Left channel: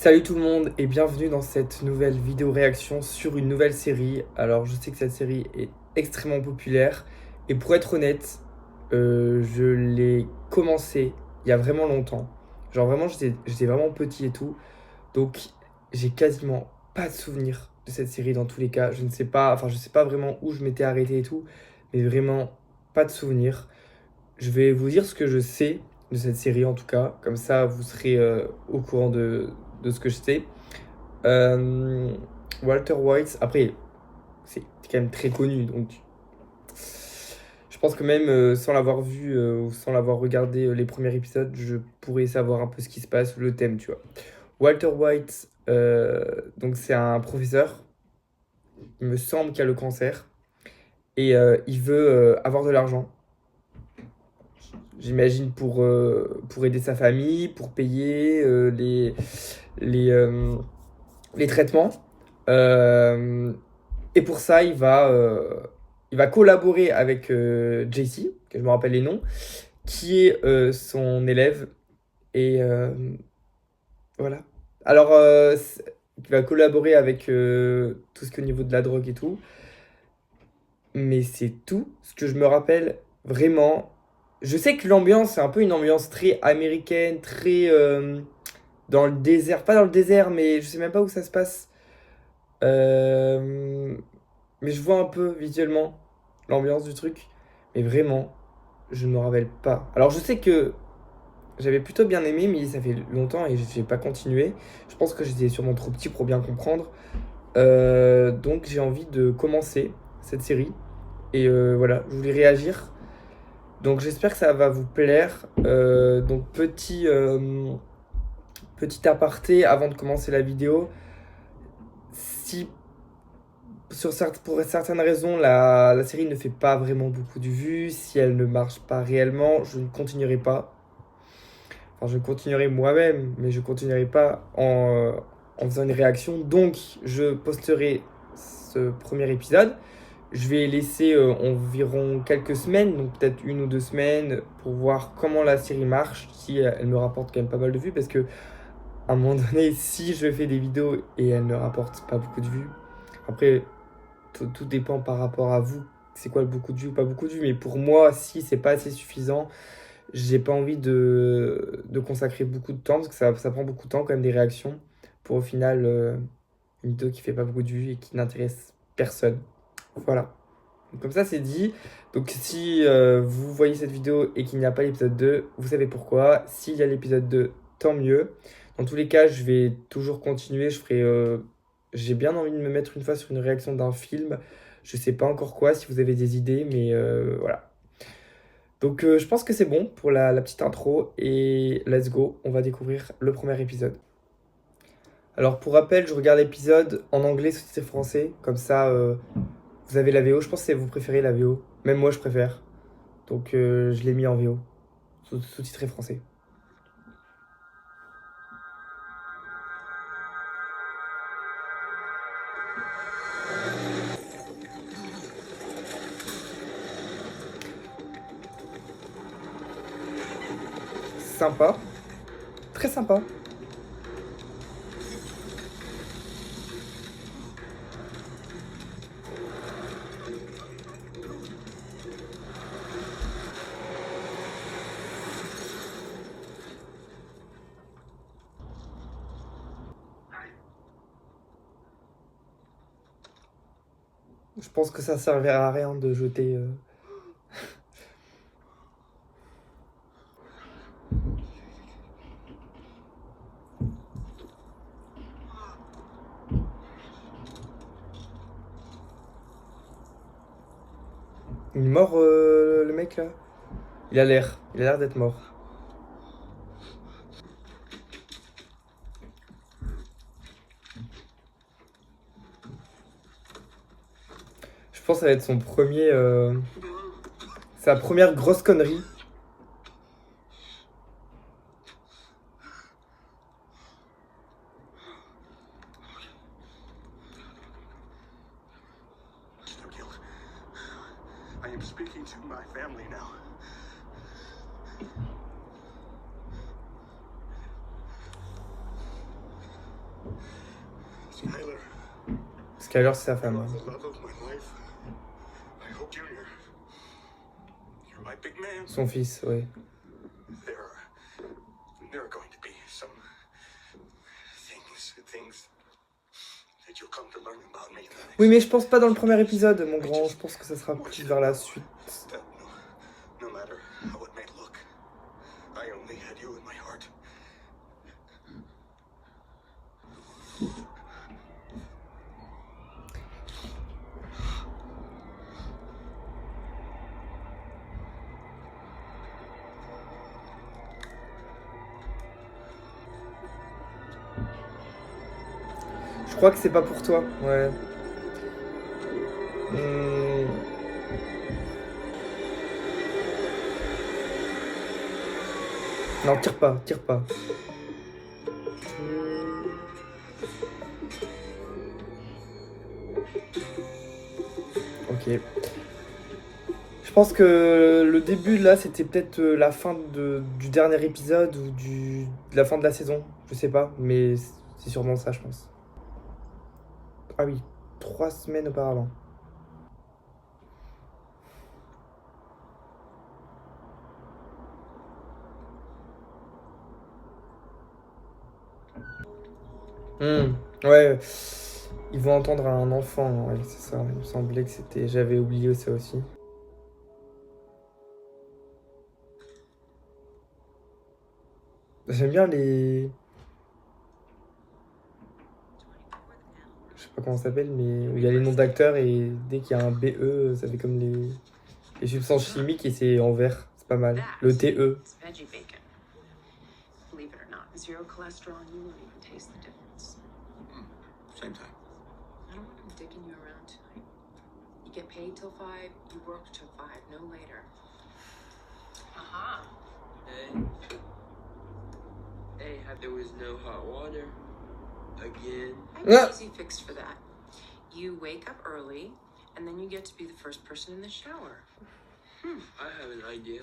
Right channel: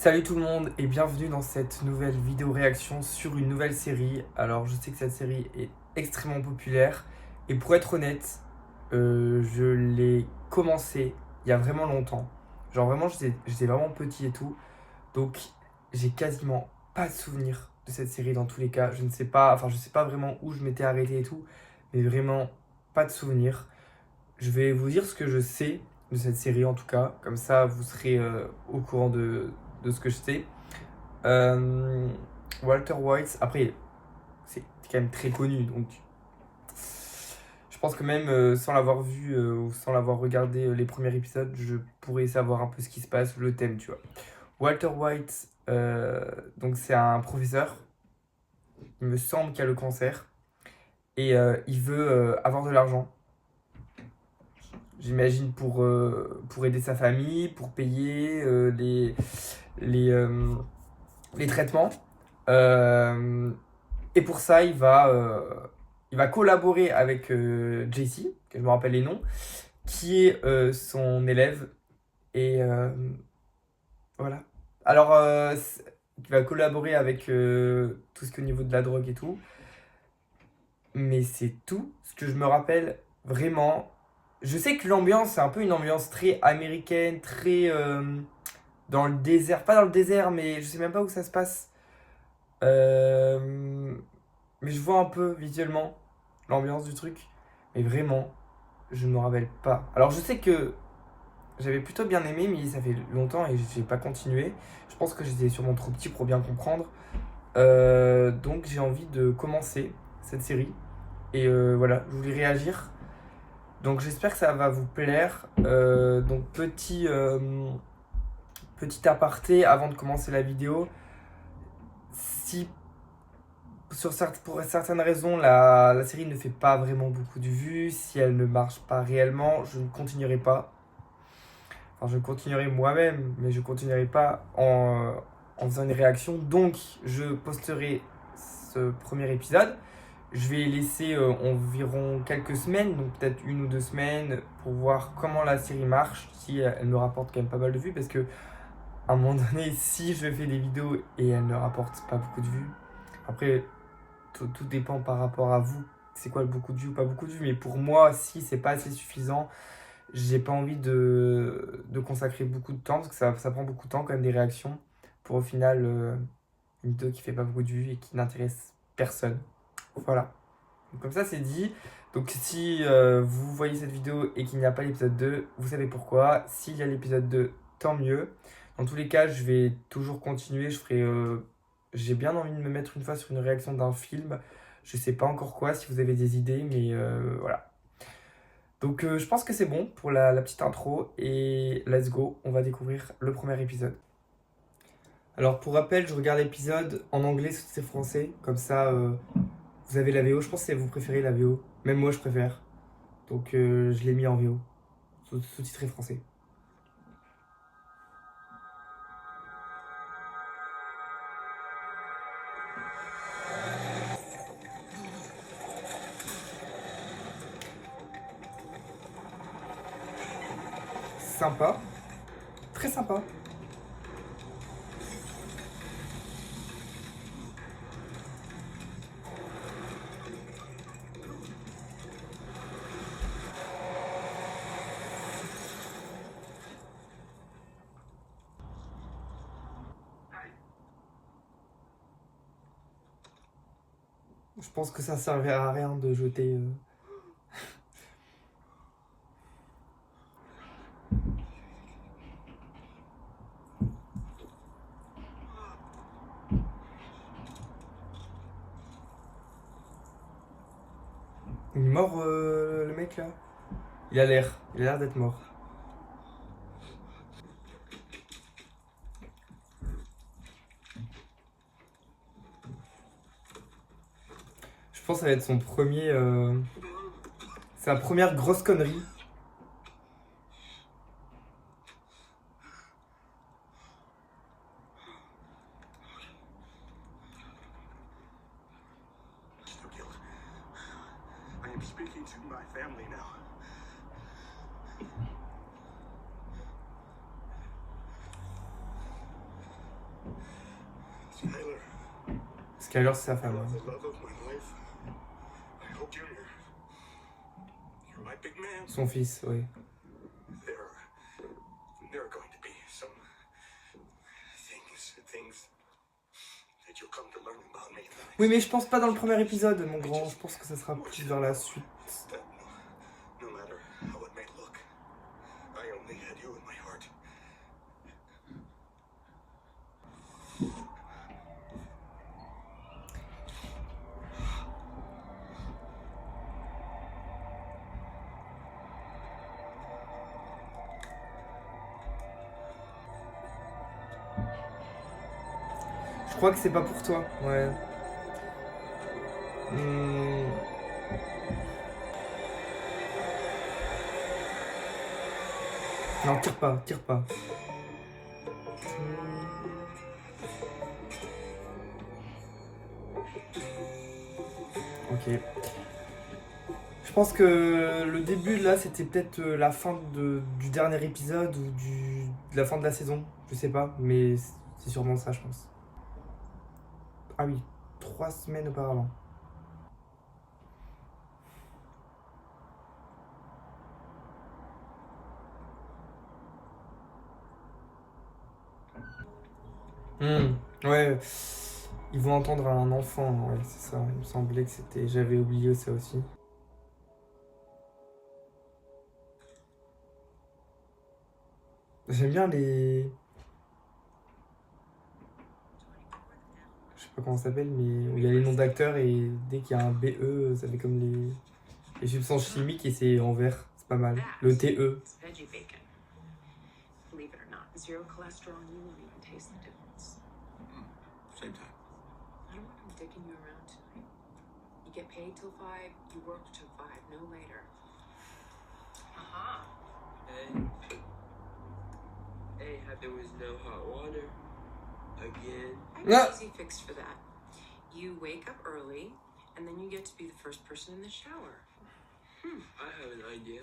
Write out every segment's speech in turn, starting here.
Salut tout le monde et bienvenue dans cette nouvelle vidéo réaction sur une nouvelle série. Alors je sais que cette série est extrêmement populaire et pour être honnête, je l'ai commencé il y a vraiment longtemps. Genre vraiment j'étais vraiment petit et tout. Donc j'ai quasiment pas de souvenir de cette série dans tous les cas. Je ne sais pas, enfin je sais pas vraiment où je m'étais arrêté et tout, mais vraiment pas de souvenir. Je vais vous dire ce que je sais de cette série en tout cas. Comme ça vous serez au courant de ce que je sais. Euh, Walter White, après, c'est quand même très connu, donc je pense que même sans l'avoir vu ou sans l'avoir regardé les premiers épisodes, je pourrais savoir un peu ce qui se passe, le thème, tu vois. Walter White, donc c'est un professeur, il me semble qu'il a le cancer, et il veut avoir de l'argent, j'imagine pour aider sa famille, pour payer les, euh, les traitements. Euh, Et pour ça, il va collaborer avec JC, que je me rappelle les noms, qui est son élève. Et voilà. Alors, il va collaborer avec tout ce qui est au niveau de la drogue et tout. Mais c'est tout ce que je me rappelle vraiment. Je sais que l'ambiance, c'est un peu une ambiance très américaine, très dans le désert. Pas dans le désert, mais je sais même pas où ça se passe. Euh, Mais je vois un peu visuellement l'ambiance du truc. Mais vraiment, je ne me rappelle pas. Alors je sais que j'avais plutôt bien aimé, mais ça fait longtemps et j'ai pas continué. Je pense que j'étais sûrement trop petit pour bien comprendre. Donc j'ai envie de commencer cette série. Et voilà, je voulais réagir. Donc j'espère que ça va vous plaire. Donc petit aparté avant de commencer la vidéo. Si pour certaines raisons, la série ne fait pas vraiment beaucoup de vues. Si elle ne marche pas réellement, je ne continuerai pas. Enfin, je continuerai moi-même, mais je continuerai pas en faisant une réaction. Donc, je posterai ce premier épisode. Je vais laisser environ quelques semaines, donc peut-être 1 ou 2 semaines, pour voir comment la série marche, si elle me rapporte quand même pas mal de vues, parce que à un moment donné, si je fais des vidéos et elles ne rapportent pas beaucoup de vues, après, tout dépend par rapport à vous. C'est quoi beaucoup de vues ou pas beaucoup de vues. Mais pour moi, si c'est pas assez suffisant, j'ai pas envie de consacrer beaucoup de temps parce que ça prend beaucoup de temps quand même des réactions pour au final une vidéo qui fait pas beaucoup de vues et qui n'intéresse personne. Voilà. Donc, comme ça, c'est dit. Donc si vous voyez cette vidéo et qu'il n'y a pas l'épisode 2, vous savez pourquoi. S'il y a l'épisode 2, tant mieux. Dans tous les cas, je vais toujours continuer. J'ai bien envie de me mettre une fois sur une réaction d'un film. Je sais pas encore quoi, si vous avez des idées, mais voilà. Donc je pense que c'est bon pour la petite intro. Et let's go, on va découvrir le premier épisode. Alors pour rappel, je regarde l'épisode en anglais sous-titré français. Comme ça, vous avez la VO. Je pense que vous préférez la VO. Même moi, je préfère. Donc je l'ai mis en VO, sous-titré français. Sympa, très sympa. Je pense que ça servira à rien de jeter. Il est mort le mec là. Il a l'air d'être mort. Je pense que ça va être son premier, sa première grosse connerie. I am speaking to my family now. Skylar, Skyler, c'est sa femme. you're Hein. the love of my life. I hope you're here. You're my big man. Son fils, oui. There are going to be some things that you'll come to learn about me. Oui, mais je pense pas dans le premier épisode, mon grand. Je pense que ça sera plus vers la suite. That no matter how it may look, I only had you in my heart. Je crois que c'est pas pour toi, ouais. Non, tire pas, tire pas. Ok. Je pense que le début là, c'était peut-être la fin du dernier épisode ou de la fin de la saison. Je sais pas, mais c'est sûrement ça, je pense. Ah oui, 3 semaines auparavant. Ouais, ils vont entendre un enfant, ouais, c'est ça. Il me semblait que c'était. J'avais oublié ça aussi. J'aime bien les. Je sais pas comment ça s'appelle, mais il y a les noms d'acteurs et dès qu'il y a un BE, ça fait comme les substances chimiques et c'est en vert. C'est pas mal. Le TE. It's veggie bacon. Believe it or not, zero cholesterol, and you won't even taste the difference. Same time. I don't want him dicking you around tonight. You get paid till 5, you work till 5, no later. Aha. Hey. Hey, there was no hot water. Again. I have an easy fix for that. You wake up early, and then you get to be the first person in the shower. I have an idea.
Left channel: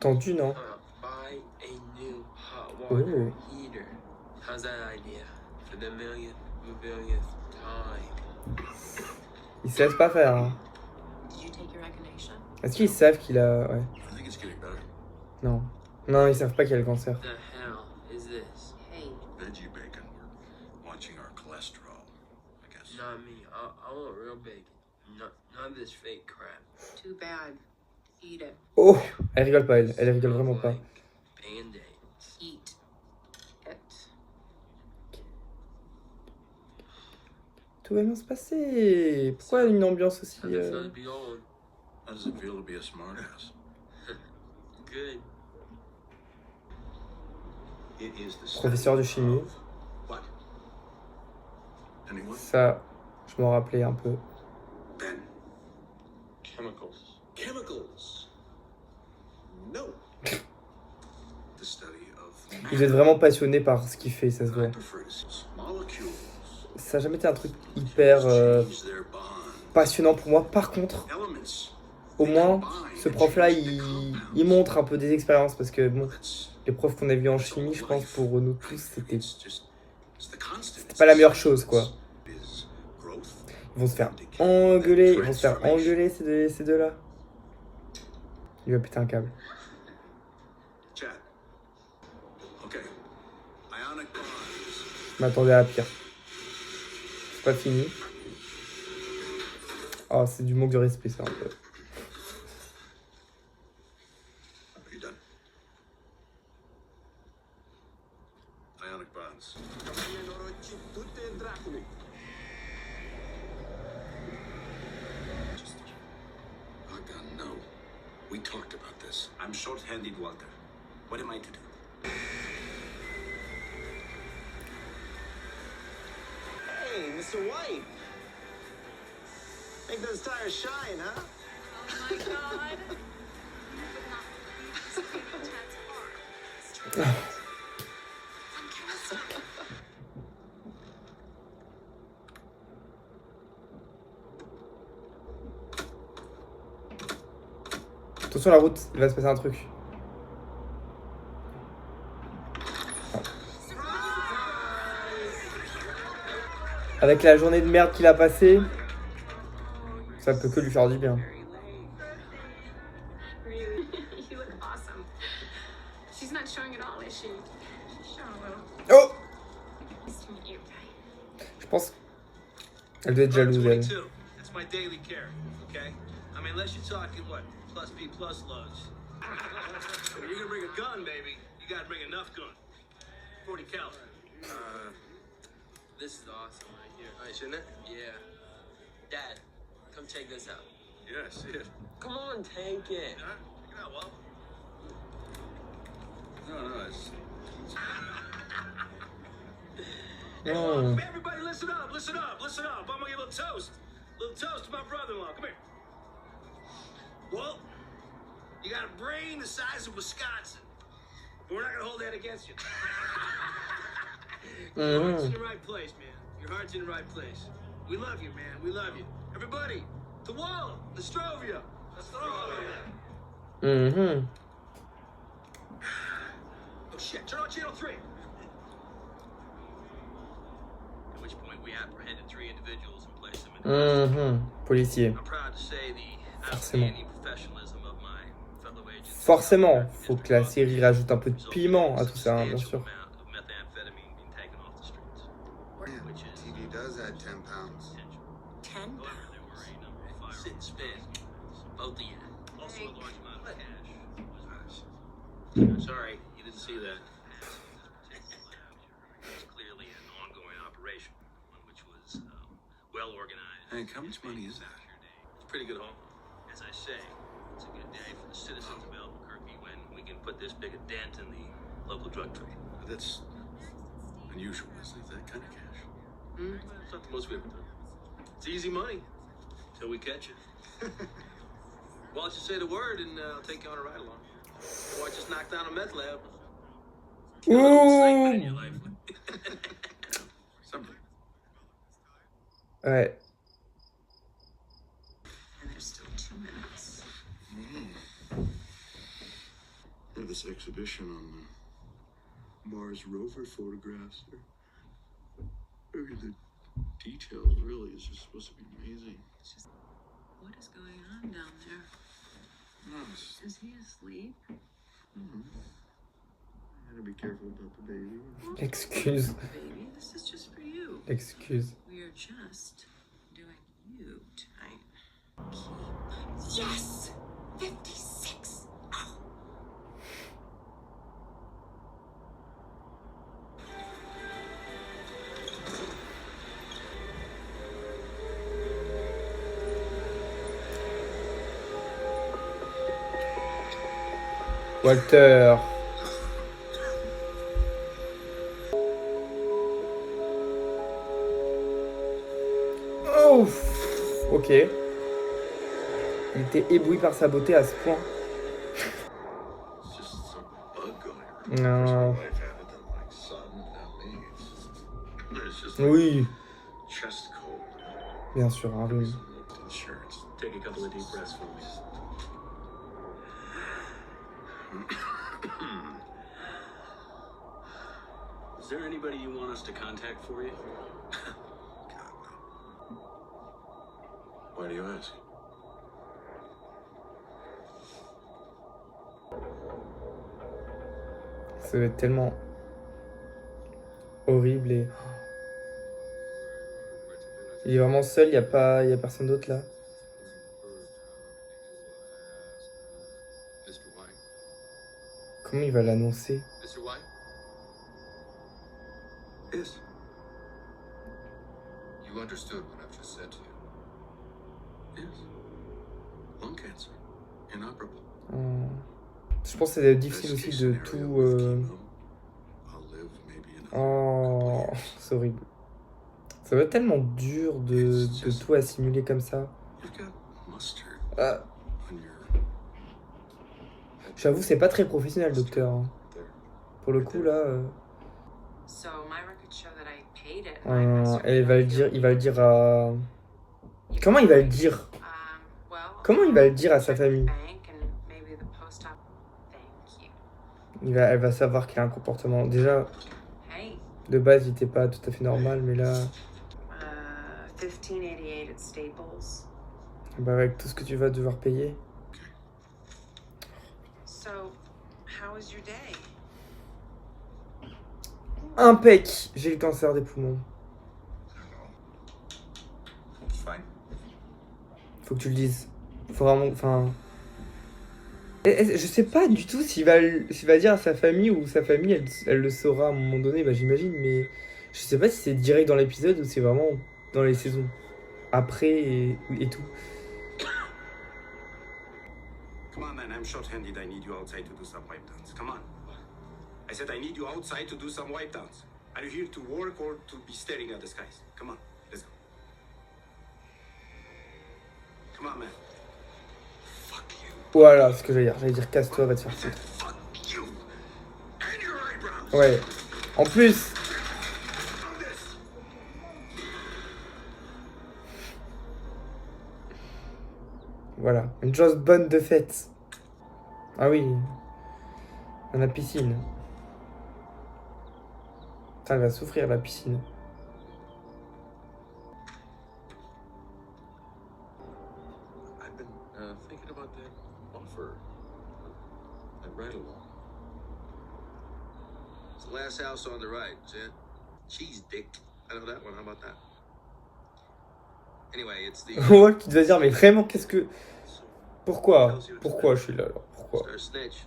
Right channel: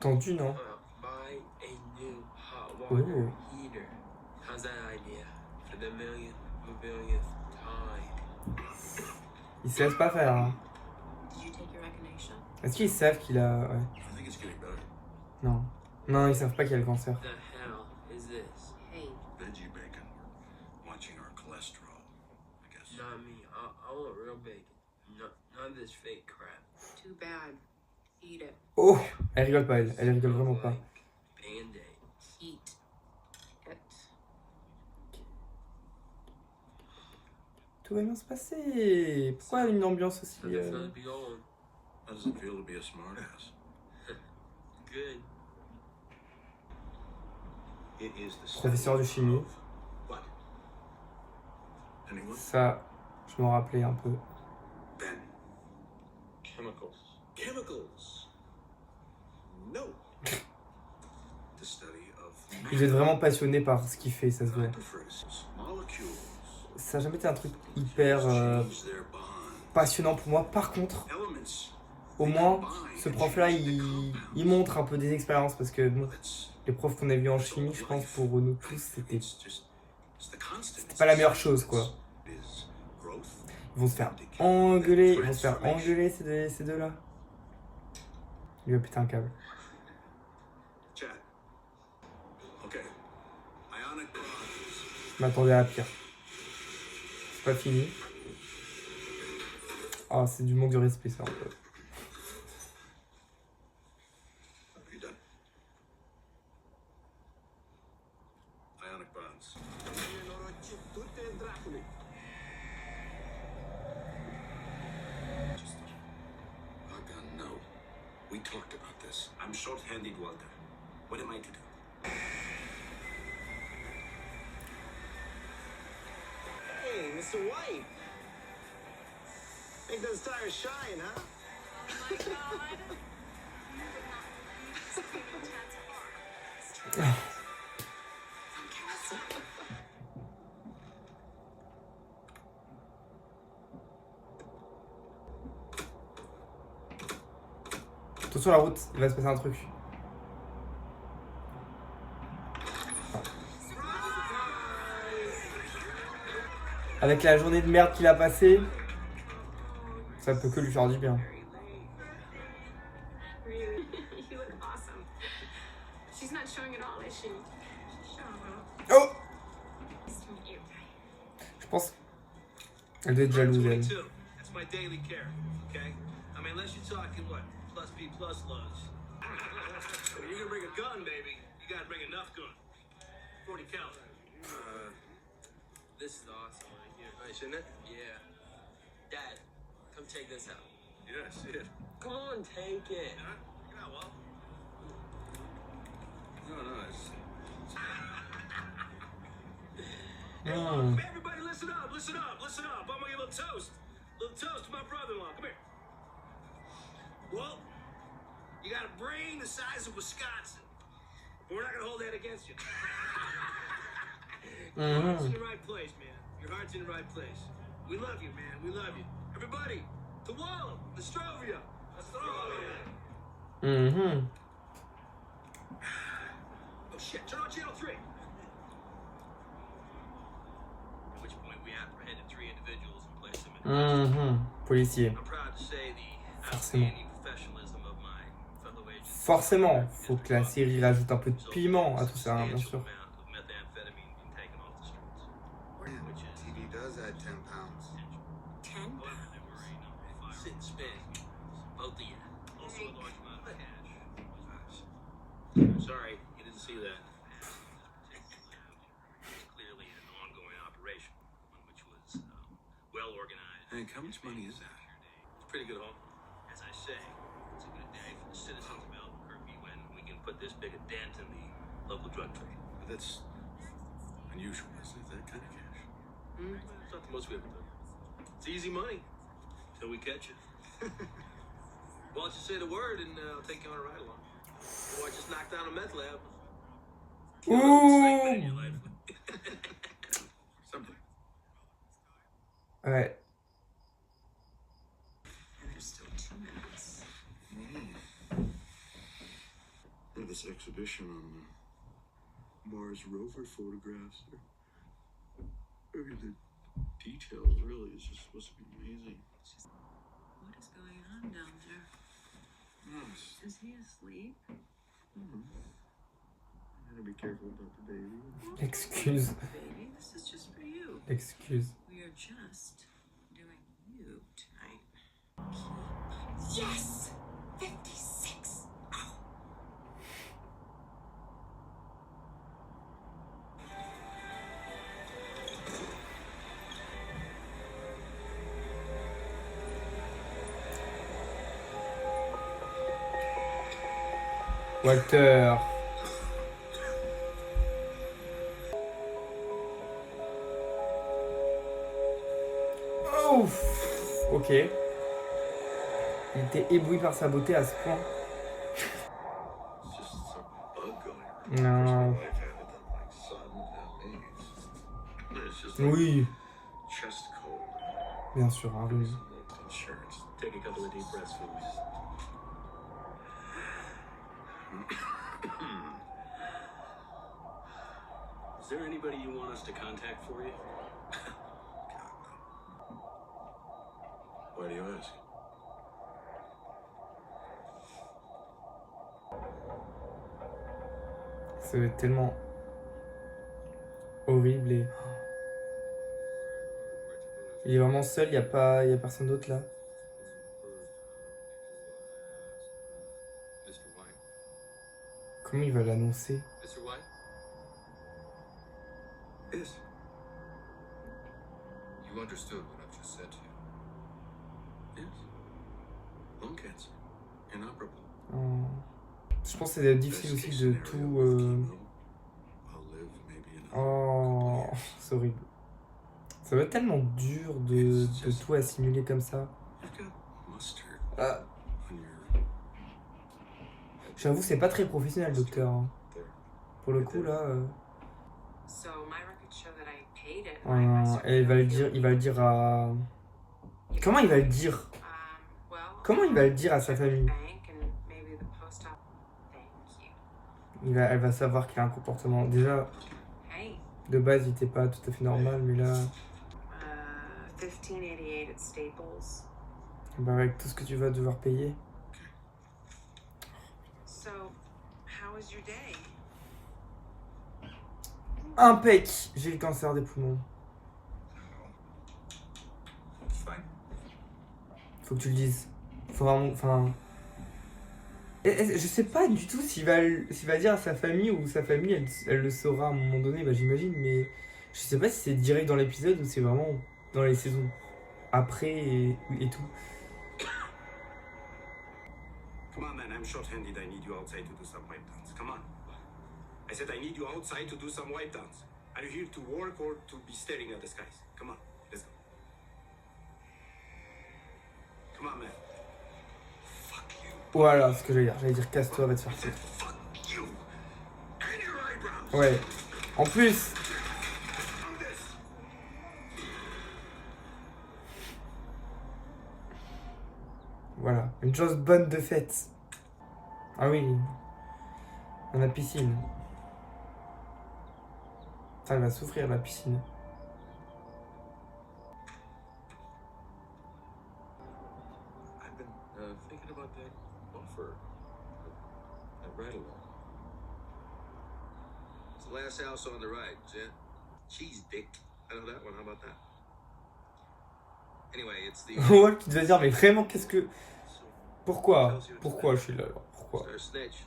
Tendu, non? Buy a new hot water Ooh. heater. How's that idea? For the millionth time. Ils savent pas faire. Hein. Did you take your echinacea? Est-ce qu'ils savent qu'il a. Ouais. I think it's getting better. Non. Non, ils savent pas qu'il a le cancer. The hell is this? Hey, Veggie bacon. We're watching our cholesterol, I guess. Not me. I want real bacon. Not this fake crap. too bad. Eat it. Oh! Elle rigole pas, elle. Elle rigole vraiment pas. Like Band-Aids. Eat it. Tout va bien se passer. Pourquoi une ambiance aussi. How's it feel to be old? How does it feel to be a smartass? Good. It is the Professeur de chimie. What? Anyone? Ça, je m'en rappelais un peu. Ben. Chemicals. Chemicals. No. The study of Vous êtes vraiment passionné par ce qu'il fait, ça se voit. hyperfruits, molecules. Ça n'a jamais été un truc hyper Change their bond. passionnant pour moi. Par contre, Elements. au moins, ce prof-là, il montre un peu des expériences parce que bon, les profs qu'on a vus en chimie, je pense pour nous tous, c'était pas la meilleure chose, quoi. Ils vont se faire engueuler, ces deux-là. Il va péter un câble. Chad. Okay. Ionic bonds. Je m'attendais à pire. C'est pas fini. Ah, c'est du manque de respect, ça, un peu. Are you done? Ionic bonds. Hakan, no. We talked about this. I'm short-handed, Walter. What am I to do? Hey, Mr. White. Make those tires shine, huh? Oh my god. You would not believe this baby Chad's car. Fantastic. Attention la route, il va se passer un truc. Avec la journée de merde qu'il a passée, ça peut que lui faire du bien. Very late. Really? You look awesome. She's not showing it all, is she? Show a little. Oh! Nice to meet you. Je pense qu'elle doit être jalouse, elle. 22. That's my daily care, okay? I mean, unless you're talking, what, plus B plus loads. When you're gonna bring a gun, baby, you gotta bring enough gun. 40 cal. This is awesome right here. Nice, isn't it? Yeah. Dad, come check this out. Yeah, I see it. Come on, take it. Huh? Check it out, Walt. No, it's... Hey, Oh. look, everybody listen up, listen up, listen up. I'm gonna give a little toast. Little toast to my brother-in-law. Come here. Walt, you got a brain the size of Wisconsin. But we're not gonna hold that against you. Your heart's in the right place, man. Your heart's in the right place. We love you, man. We love you. Everybody, to Walt, Nostrovia. Nostrovia. Mhm. Oh shit, turn on channel 3. At which point we apprehended 3 individuals and placed them in Mhm. Policier. I'm proud to say the Forcément. outstanding professionalism of my fellow agents. Forcément, faut que la série rajoute un peu de piment à tout ça, hein, bien sûr. Amount of methamphetamine being taken off the streets. Which is TD does add 10 pounds. 10 however, there were a number of firearms. Sit and spin. Both of you. Also a large amount of cash. I'm sorry, you didn't see that. It's clearly an ongoing operation, one which was well organized. Hank, how much money is that? It's pretty good, home. As I say, it's a good day for the citizens of Albuquerque when we can put this big a dent in the local drug trade. That's unusual, isn't it? That kind of cash. It's not the most we ever done. It's easy money till we catch you. Why don't you say the word and I'll take you on a ride along? Or just knock down a meth lab. Get a little excitement in your life. Someday. Ouais. And there's still 2 minutes. This exhibition on Mars rover photographs. The details really is just supposed to be amazing. It's just, what is going on down there? Is he asleep? Gotta be careful about the baby. Excuse. Baby, this is just for you. Excuse. We are just doing you tonight. Yes! 56! Ow. Walter. Oh. Ok. Il était ébloui par sa beauté à ce point. It's just some bug going around. No. Life had it done like sun without me. It's just like Oui, chest cold. bien sûr, un rhume. Insurance. Take a couple of deep breaths for me. Is there anybody you want us to contact for you? Why do you ask? Ça va être tellement horrible et... Il est vraiment seul, il y a personne d'autre là. Mr. White. Comment il va l'annoncer? Mr. White? Yes. You understood what I've just said to you. Yes. Lung cancer. Inoperable. Oh. Je pense que c'est difficile Best aussi case de scenario tout... with chemo, I'll live maybe another Oh, couple years. c'est horrible. Ça va être tellement dur de tout assimiler comme ça. You've got mustard Ah, on your j'avoue, c'est pas très professionnel, docteur, hein. there. Pour le coup, là... So my records show that I paid it. and I et il va le dire à... Comment il va le dire? well, Comment il va le dire à sa check the famille? bank and maybe the post office. Thank you. Elle va savoir qu'il a un comportement... Déjà, Hey, de base, il était pas tout à fait normal, mais là... $15.88 at Staples. Bah avec tout ce que tu vas devoir payer. So, how was your day? Impec. J'ai le cancer des poumons. I don't know. It's fine. Faut que tu le dises. Faut vraiment... Enfin... Je sais pas du tout s'il va dire à sa famille ou sa famille, elle le saura à un moment donné, bah j'imagine, mais je sais pas si c'est direct dans l'épisode ou c'est vraiment dans les saisons après et tout. Come on, man, I'm short-handed. I need you outside to do some wipe downs. Come on. I said I need you outside to do some wipe downs. Are you here to work or to be staring at the skies? Come on, let's go. Come on, man. Fuck you. Voilà ce que j'allais dire casse-toi, va te faire I said foutre. fuck you. And your eyebrows. Ouais. En plus, On this. voilà, une chose bonne de fête. Ah oui, dans la piscine. Ça, elle va souffrir la piscine. I've been thinking about that offer. That ride along. It's the last house on the right, is it? Cheese dick. I know that one. How about that? Anyway, it's the Ouais, tu devais dire, mais vraiment, qu'est-ce que... Pourquoi je suis là alors? Pourquoi? Star Snitch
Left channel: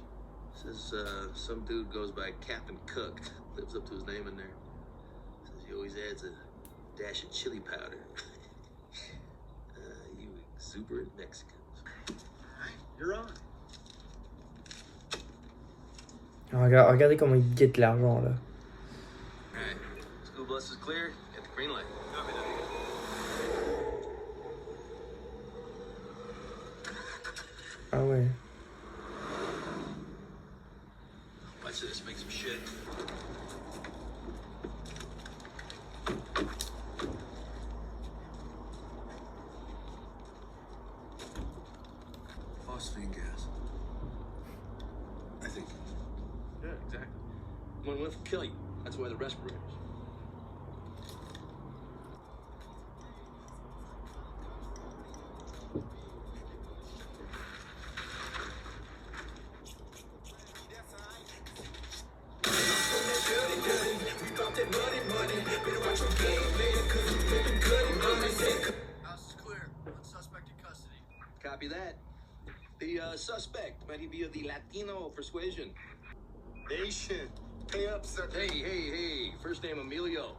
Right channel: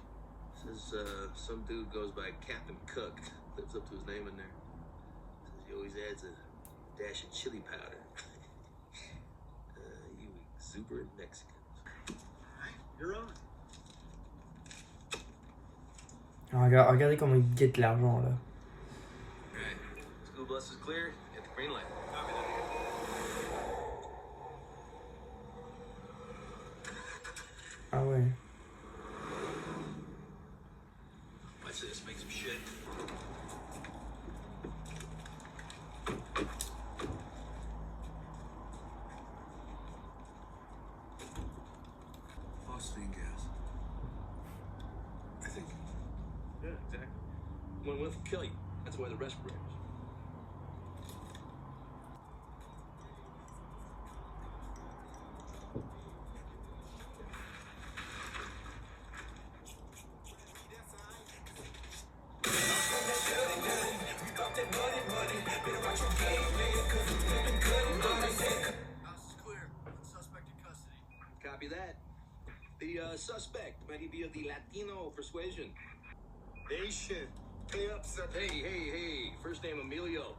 says some dude goes by Captain Cook, lives up to his name in there. Says he always adds a dash of chili powder. You exuberant Mexicans. You're on. Alors, regardez comment il guette l'argent là. Alright, school bus is clear. Get the green light. Ah ouais. Watch this, make some shit. Phosphine gas. I think. Yeah, exactly. One whiff will kill you. That's why the respirators. House is clear. One suspect in custody. Copy that. The suspect, might he be of the Latino persuasion? Nation. Pay up, sir. Hey. First name Emilio.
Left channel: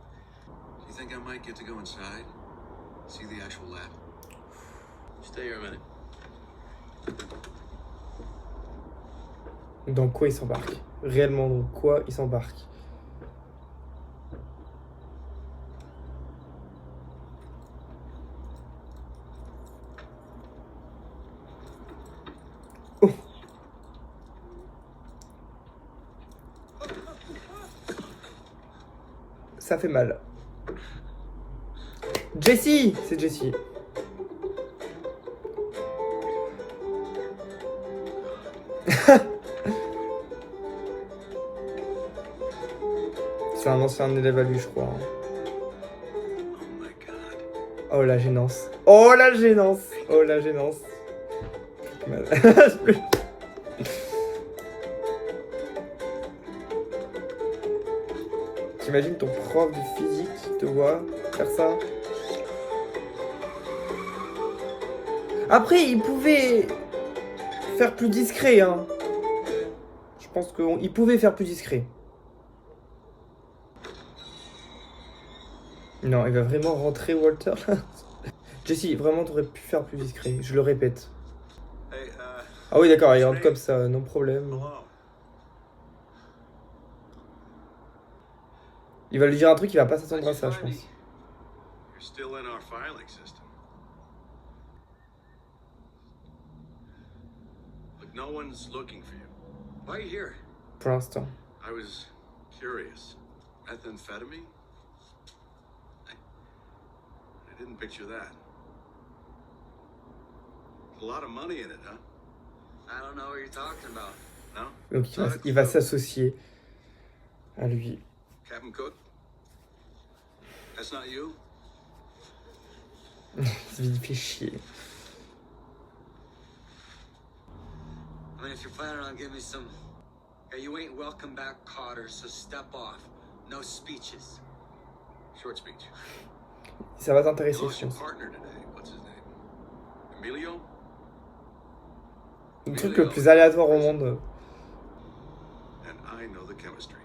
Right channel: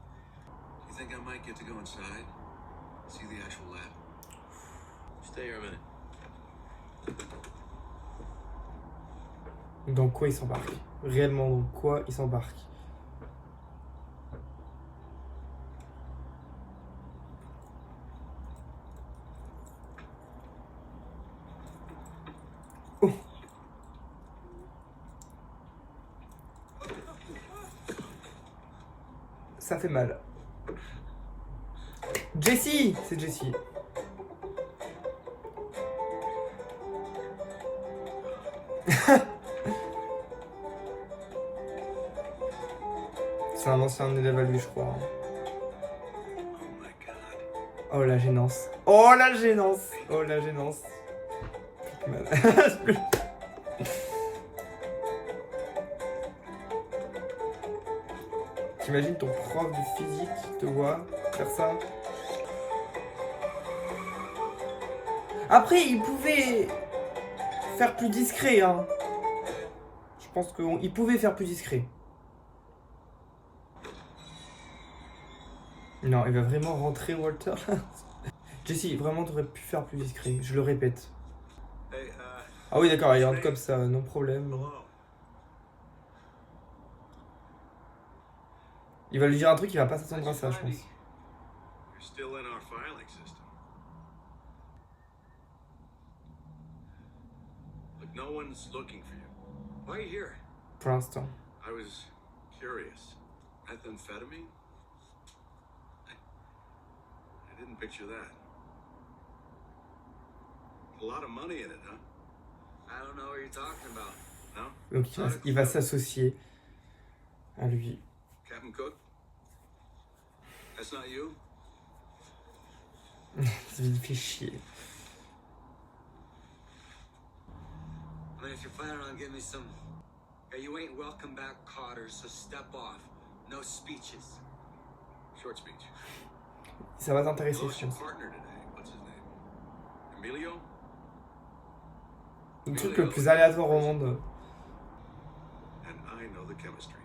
Do you think I might get to go inside? See the actual lab? Stay here a minute. Dans quoi il s'embarque? Réellement, dans quoi il s'embarque? Oh. Ça fait mal. Jessie! C'est Jessie. C'est un ancien élève à lui, je crois. Oh my god. Oh la gênance. Oh la gênance. Oh la gênance. Mal. T'imagines ton prof de physique te voit faire ça? Après, il pouvait faire plus discret, hein. Je pense qu'il pouvait faire plus discret. Non, il va vraiment rentrer, Walter. Jessie, vraiment, t'aurais pu faire plus discret. Je le répète. Hey, Ah oui, d'accord, il rentre comme ça, non problème. hello. Il va lui dire un truc, il va pas s'attendre à ça, je pense. You're still in our filing system. Look, no one's looking for you. Why are you here? Pour l'instant. I was curious. Methamphetamine? I didn't picture that. A lot of money in it, huh? I don't know what you're talking about. No? Donc il va s'associer à lui. Captain Cook? That's not you? Il fait chier. I mean, if you're planning on giving me some... Hey, you ain't welcome back, Cotter, so step off. No speeches. Short speech. Ça va You t'intéresser, lost je your pense. partner today. What's his name? Emilio? Le truc le plus aléatoire au monde. And I know the chemistry.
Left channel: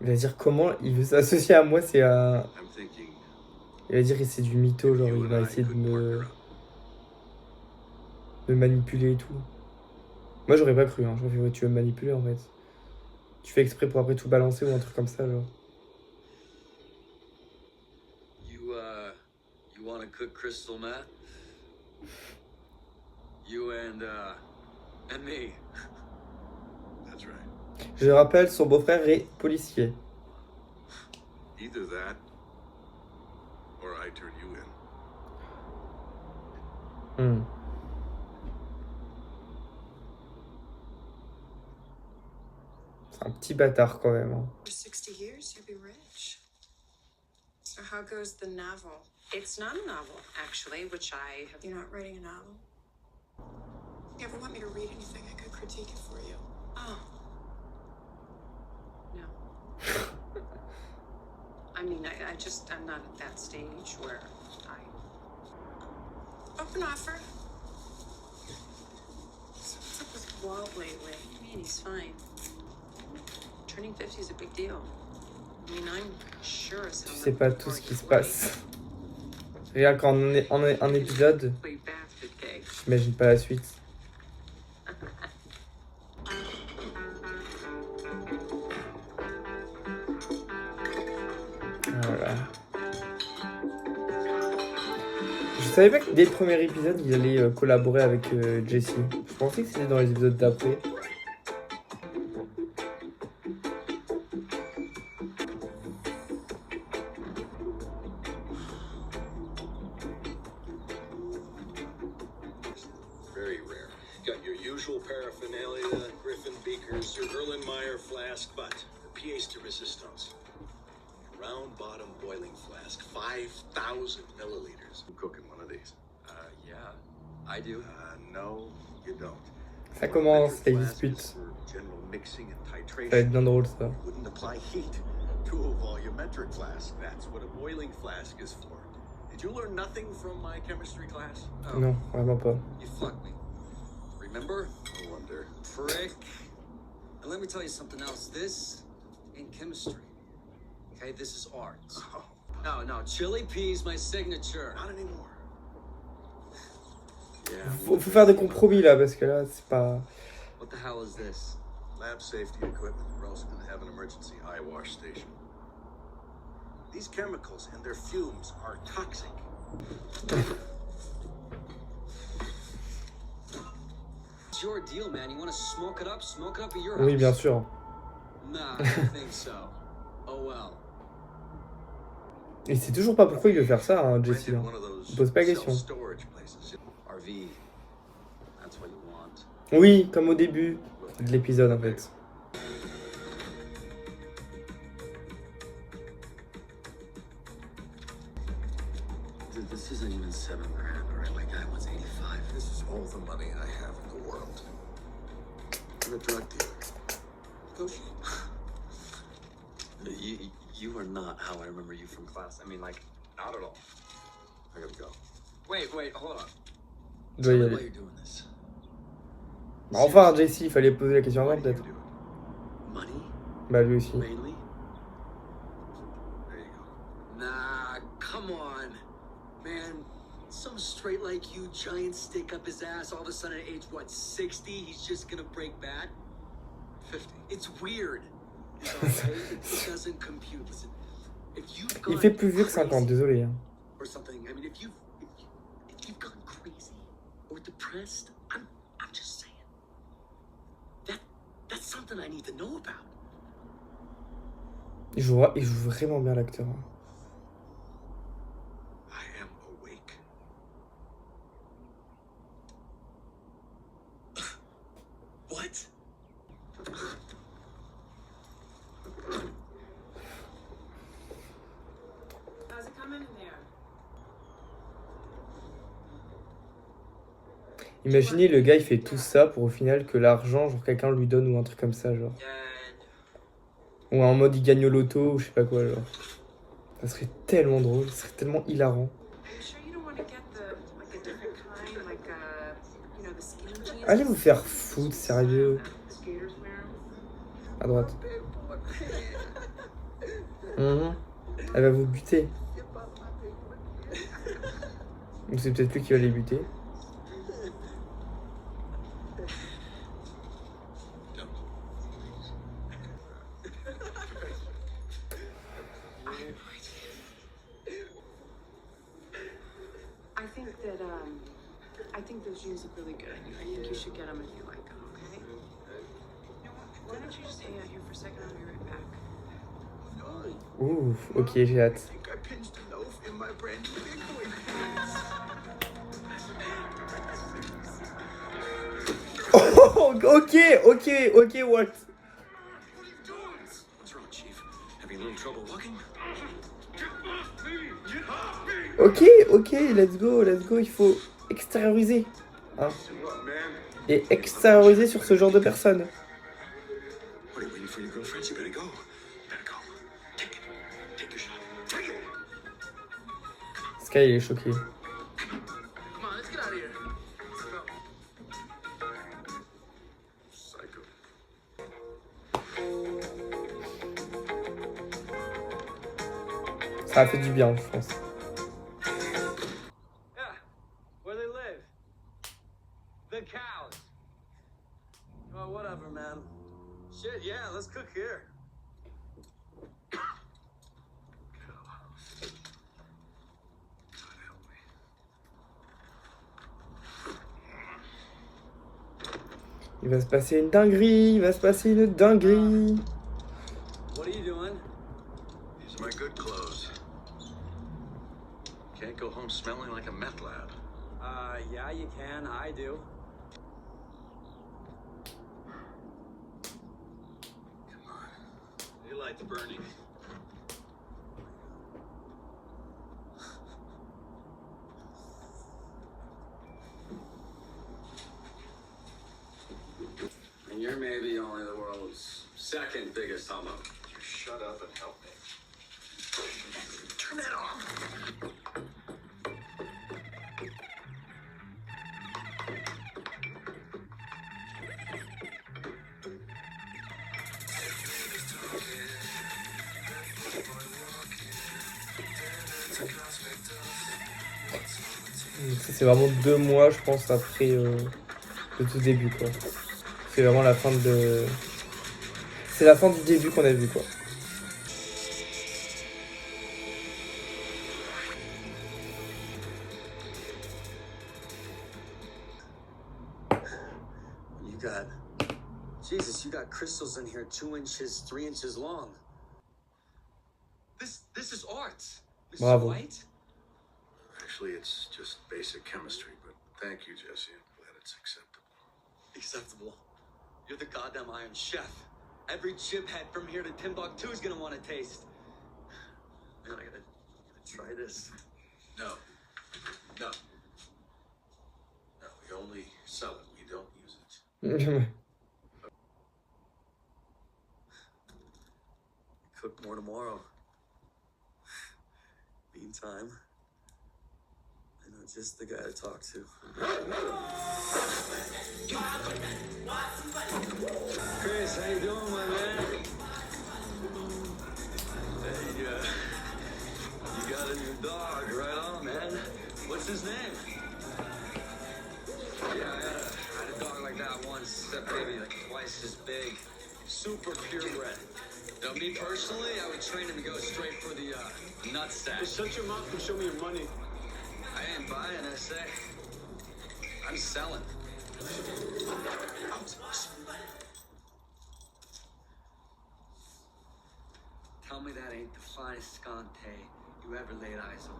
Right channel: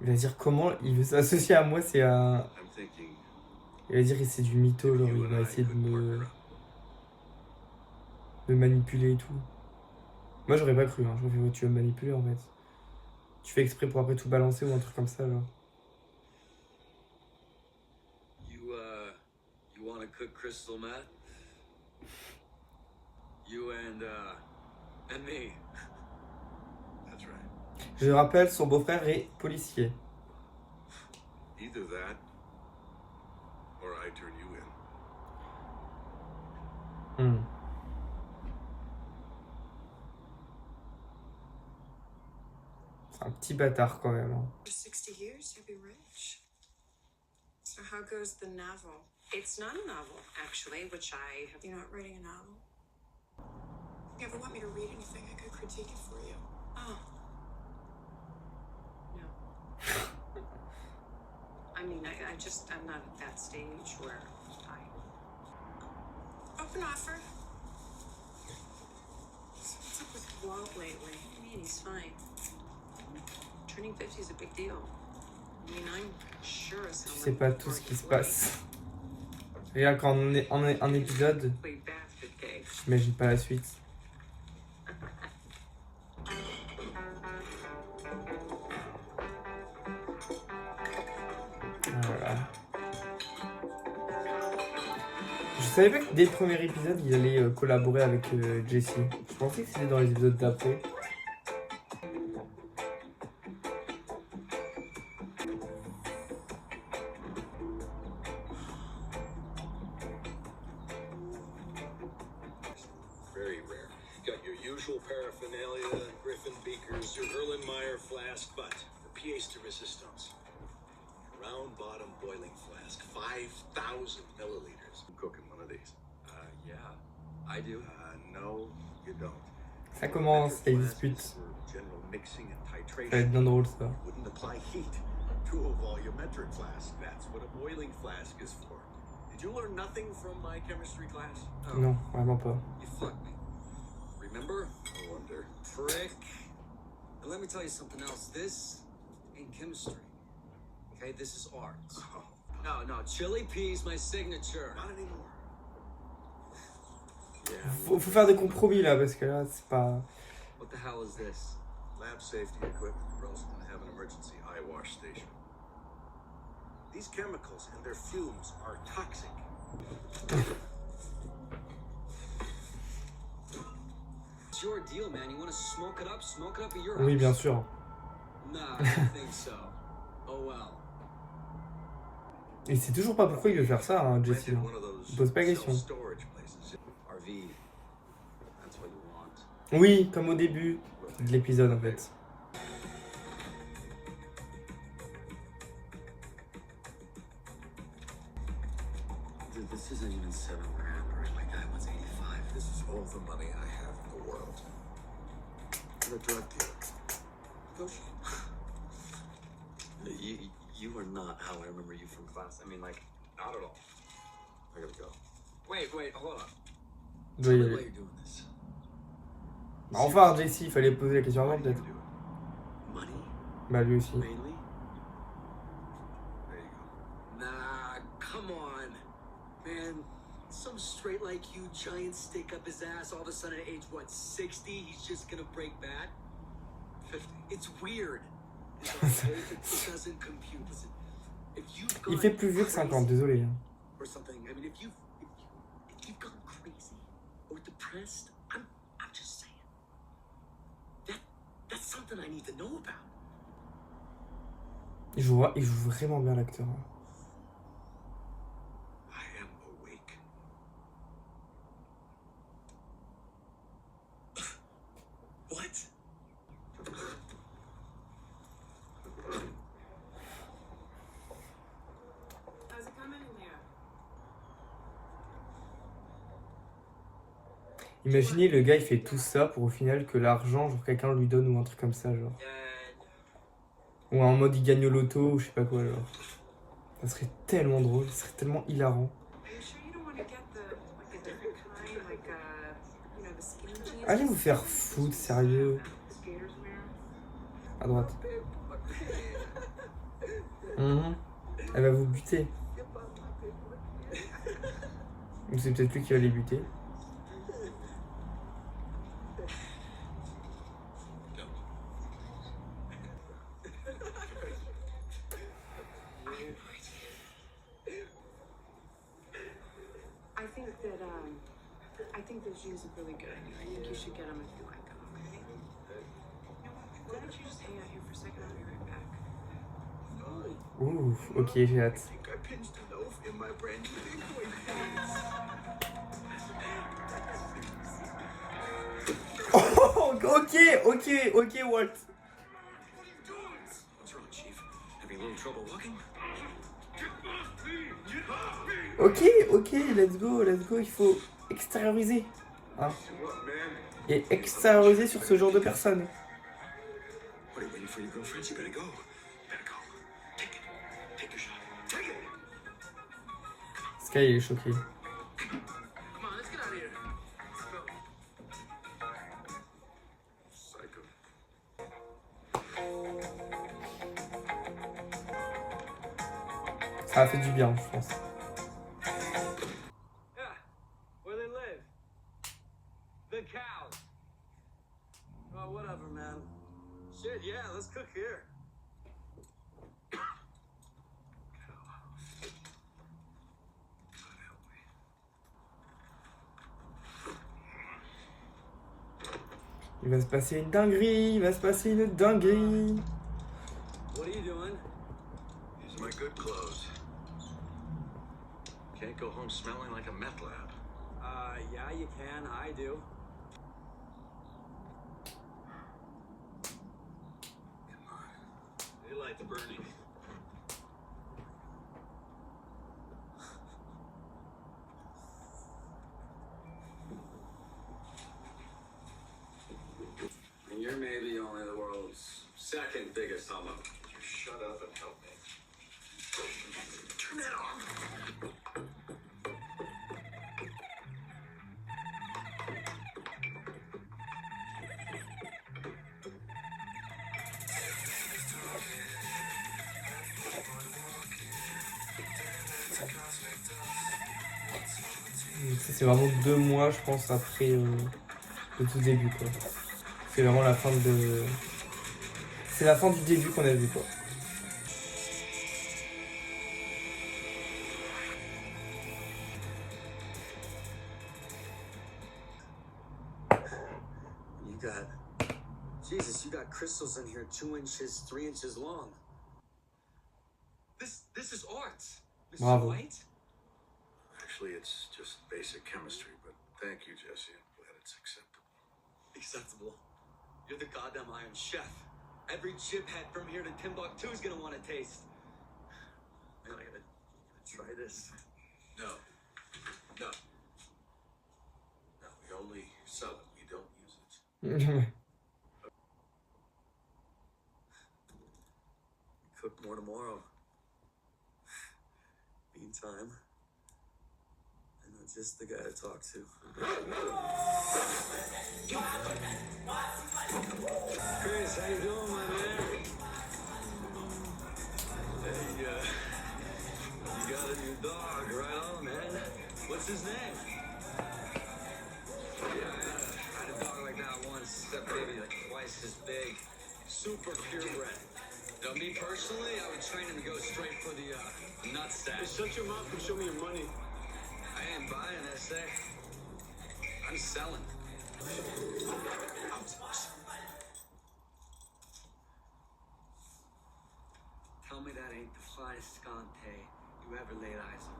Il va dire comment il veut s'associer à moi, c'est un... I'm thinking Il va dire que c'est du mytho, genre il you va and I essayer de could partner me up. manipuler et tout. Moi j'aurais pas cru, hein. J'aurais fait, ouais, tu veux me manipuler en fait. Tu fais exprès pour après tout balancer ou un truc comme ça, genre. You want to cook crystal meth? You and me. That's right. Je rappelle, son beau-frère est policier. Either that, or I turn you in. Hmm. C'est un petit bâtard quand même, hein. For 60 years, you'll be rich. So how goes the novel? It's not a novel, actually, which I have. You're not writing a novel? You ever want me to read anything? I could critique it for you. Oh. No. I mean, I'm not at that stage where Open offer. So what's up with Walt lately? What do you mean? He's fine. Turning 50 is a big deal. I mean, I'm sure as hell Je sais not pas looking tout ce forward qui to se 40. passe. Rien qu'en un épisode, Way bastard cake. j'imagine pas la suite. Voilà. Je savais pas que dès le premier épisode, il allait collaborer avec Jesse. Je pensais que c'était dans les épisodes d'après. Very rare. Got your usual paraphernalia, Griffin beakers, your Erlenmeyer flask, but the pièce de resistance. Round bottom boiling flask, 5,000 milliliters. I'm cooking one of these. Yeah, I do. No, you don't. Ça commence, Metric les flask disputes. is for general mixing and Ça va être titration. bien drôle ça. Wouldn't apply heat to a volumetric flask. That's what a boiling flask is for. Did you learn nothing from my chemistry class? Oh, Non, vraiment pas. you fucked me. Remember? No wonder. Prick. And let me tell you something else. This ain't chemistry. Okay, this is art. Oh, No, chili peas, my signature. not anymore. Yeah. Faut faire des compromis là, parce que là, c'est pas... What the hell is this? Lab safety equipment. We're also going to have an emergency eye wash station. These chemicals and their fumes are toxic. It's your deal, man. You want to smoke it up at your house. Oui, bien sûr. Nah, I don't think so. Oh well. Et c'est toujours pas pourquoi il veut faire ça, hein, Jesse. Rented Hein. one of those Pose pas la question. self-storage places. RV. That's what you want. Oui, comme au début de l'épisode en fait. Dude, this isn't even $7,000, alright? My guy wants 85. This is all the money I have in the world. You're a drug dealer. Negotiate. You are not how I remember you from class. I mean, like, Not at all. I gotta go. wait, hold on. Il doit y Tell me aller. why you're doing this. Bah, enfin, Jesse, il fallait poser la question Why avant do you peut-être. do it? Money, Bah, lui aussi. mainly? There you go. Nah, come on. Man, some straight like you, giant stick up his ass, all of a sudden at age, what, 60, he's just gonna break bad? 50. It's weird. It's okay, it doesn't compute. Listen, if you've Il gone fait plus vieux que 50, crazy désolé. Hein. or something, I mean, if you've gone crazy or depressed, I'm just saying. That's something I need to know about. Il joue vraiment bien l'acteur. Hein. I am awake. What? How's it coming in there? Imaginez le gars il fait tout ça pour au final que l'argent, genre quelqu'un lui donne ou un truc comme ça, genre. Ou en mode il gagne au loto ou je sais pas quoi, genre. Ça serait tellement drôle, ça serait tellement hilarant. Are you sure you don't want to get the like a different kind, like you know, the skinny jeans? Allez vous faire foutre, sérieux. Skaters wear 'em. À droite. Elle va vous buter. Ou c'est peut-être lui qui va les buter. I think those jeans look really good. I think you should get them if you like them, okay? Why don't you just hang out here for a second? I'll be right back. Ouh, ok, j'ai hâte. I think I pinched a loaf in my brand new big boy pants. Oh, ok, Walt. What's wrong, Chief? Having a little trouble walking? Ok, let's go, il faut extérioriser. Hein. Et extérioriser sur ce genre de personnes. What are you waiting for your girlfriends? You better go. Take it. Take your shot. Take it. Sky il est choqué. Come on, let's get out of here. Go. Psycho. Ça a fait du bien, je pense. Yeah, where they live. The cows. Oh, whatever, man. Shit, yeah, let's cook here. Il va se passer une dinguerie, What are you doing? These are my good clothes. Can't go home smelling like a meth lab. Yeah, you can. I do. Daylight's burning. And you're maybe only the world's second biggest homo. You shut up and help me. Turn that off. Ça, c'est vraiment 2 mois, je pense, après le tout début, quoi. C'est vraiment la fin de... C'est la fin du début qu'on a vu, quoi. You got crystals in here 2 inches, 3 inches long. This is art, Mr. Bravo. White. Actually, it's just basic chemistry, but thank you, Jesse. I'm glad it's acceptable. Acceptable. You're the goddamn Iron Chef. Every chiphead from here to Timbuktu is gonna want to taste. Man, I gotta try this. No. We only sell it. We don't use it. Cook more tomorrow. Meantime, I know just the guy to talk to. Chris, how you doing, my man? Hey, you got a new dog, right on, man. What's his name? Yeah, I had a dog like that once. That baby, like twice as big. Super purebred. Now, me personally, I would train him to go straight for the nutsack. Shut your mouth and show me your money. I ain't buying, I say. I'm selling. Tell me that ain't the finest scante you ever laid eyes on.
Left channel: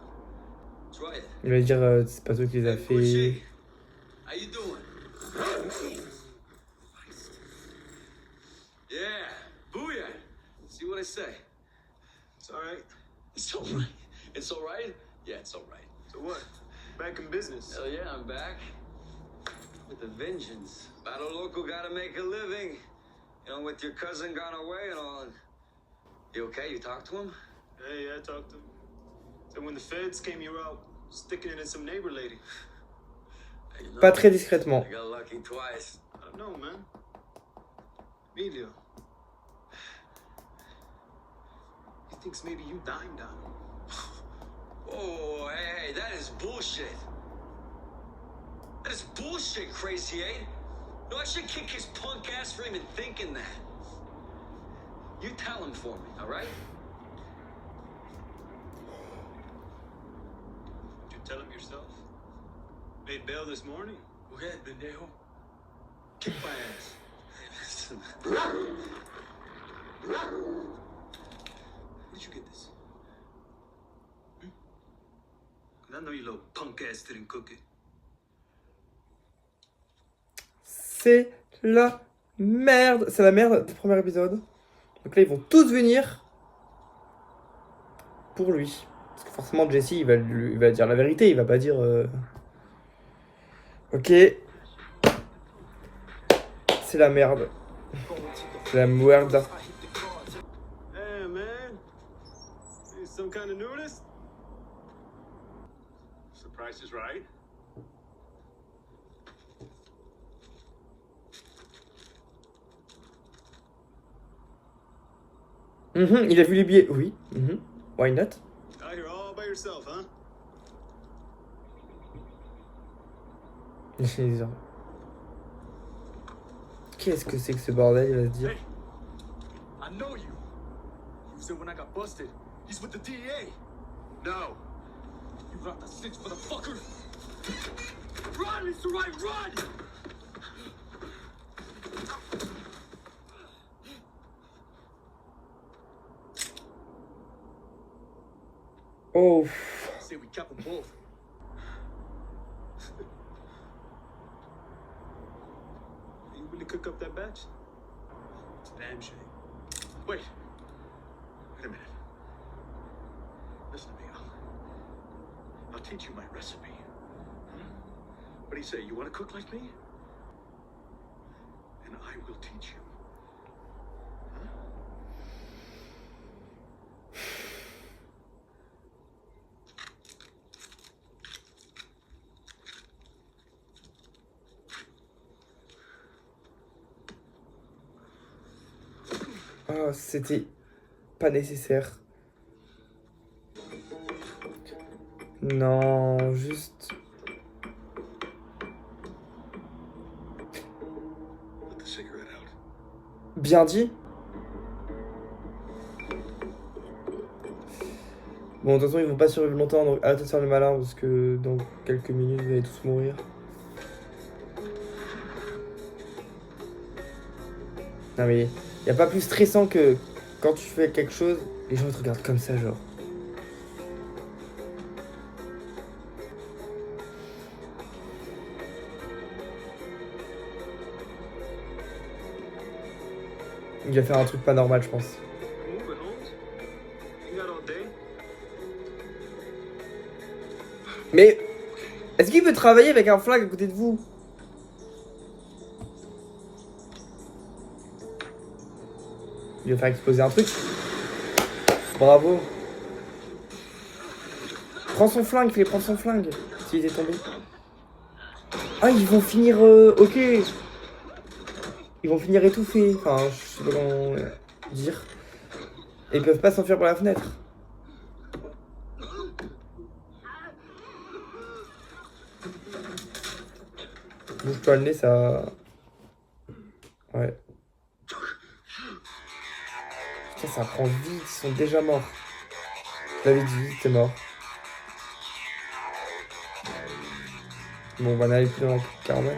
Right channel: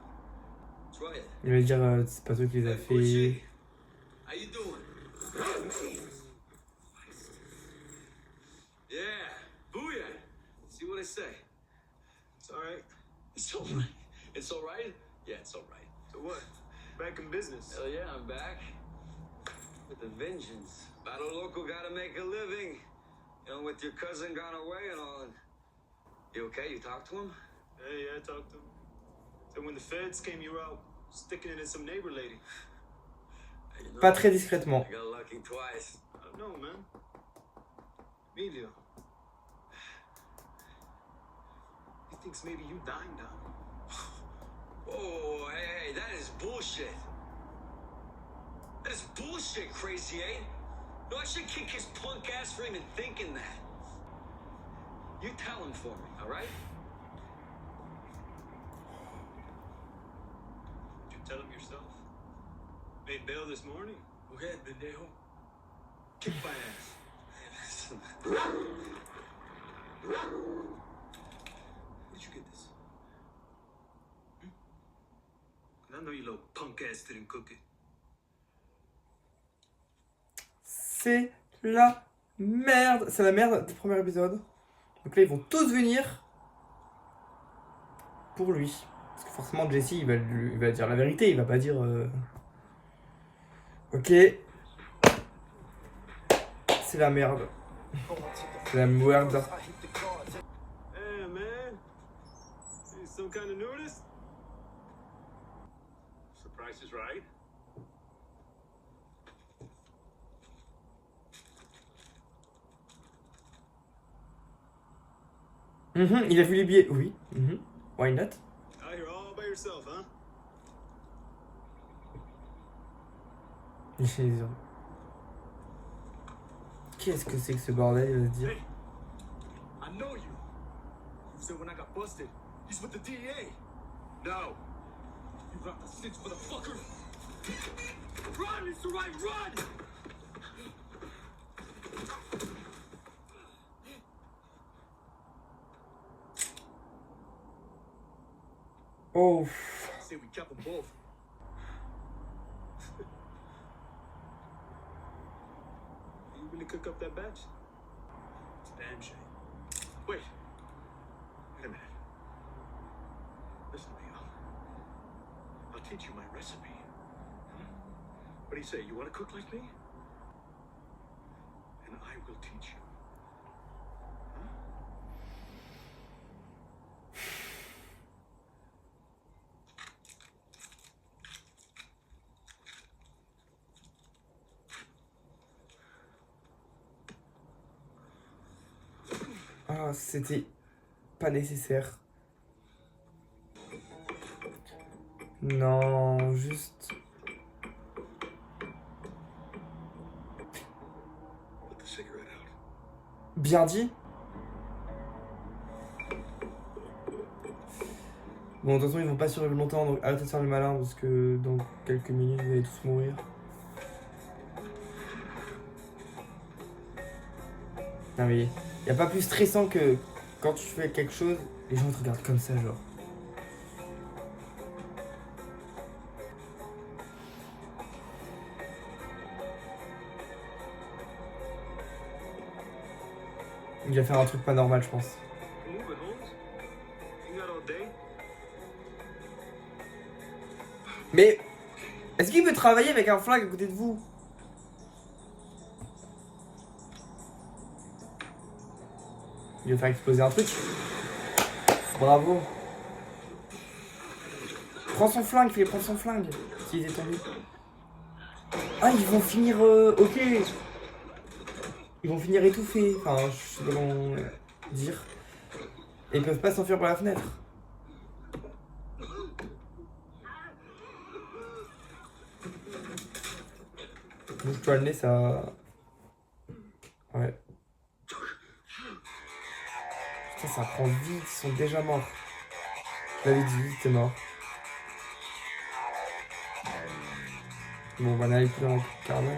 Try it. Il va dire, c'est pas toi qui les a Hey, fait. Boucher, how you doing? Yeah, booyah. See what I say? It's all right. It's all right. It's all right? Yeah, it's all right. So what? Back in business. Hell yeah, I'm back. With a vengeance. Battle local gotta make a living. You know, with your cousin gone away and all. You okay? You talked to him? Hey, I talked to him. So when the feds came, you were out sticking it in some neighbor lady. Hey, you know, Pas très discrètement. I got lucky twice. I don't know, man. Emilio. He thinks maybe you dined on him. Whoa, hey, that is bullshit. That is bullshit, Crazy Eight. No, I should kick his punk ass for even thinking that. You tell him for me, all right? Did you tell him yourself? Made bail this morning. Go ahead, pendejo. Kick my ass. Where did you get this? And I know your little punk ass didn't cook it. C'est la merde. C'est la merde du premier épisode. Donc là, ils vont tous venir pour lui. Parce que forcément, Jesse, il va dire la vérité. Il va pas dire... Ok. C'est la merde. C'est la merde. Hey, man. Need some kind of nudist? The price is right. Il a vu les billets. Oui. Why not? Out here all by yourself, huh? Qu'est-ce que c'est que ce bordel, il va se dire. Hey, I know you. You said when I got busted, he's with the DEA. No. You got the six, motherfucker. Run, it's the right run! Oh. Say we kept them both. You really cook up that batch? It's a damn shame. Wait a minute. Listen to me, I'll teach you my recipe. Huh? What do you say? You want to cook like me? And I will teach you. Huh? Ah, c'était pas nécessaire. Non, juste... Put the cigarette out. Bien dit. Bon, de toute façon, ils vont pas survivre longtemps, donc arrêtez de faire le malin, parce que dans quelques minutes, vous allez tous mourir. Non mais, y a pas plus stressant que quand tu fais quelque chose, les gens te regardent comme ça, genre. Il va faire un truc pas normal, je pense. Move it, Holmes. You got all day. Mais, est-ce qu'il peut travailler avec un flingue à côté de vous? Il va faire exploser un truc. Bravo. Prends son flingue, fais prendre son flingue. S'il est tombé. Ah, ils vont finir... ok. Ils vont finir étouffés. Enfin, je sais pas comment dire. Et ils peuvent pas s'enfuir par la fenêtre. Bouge-toi le nez, ça... Ouais. Ça prend vite, ils sont déjà morts. J'avais dit, t'es mort. Bon, on va aller plus dans un quart d'heure.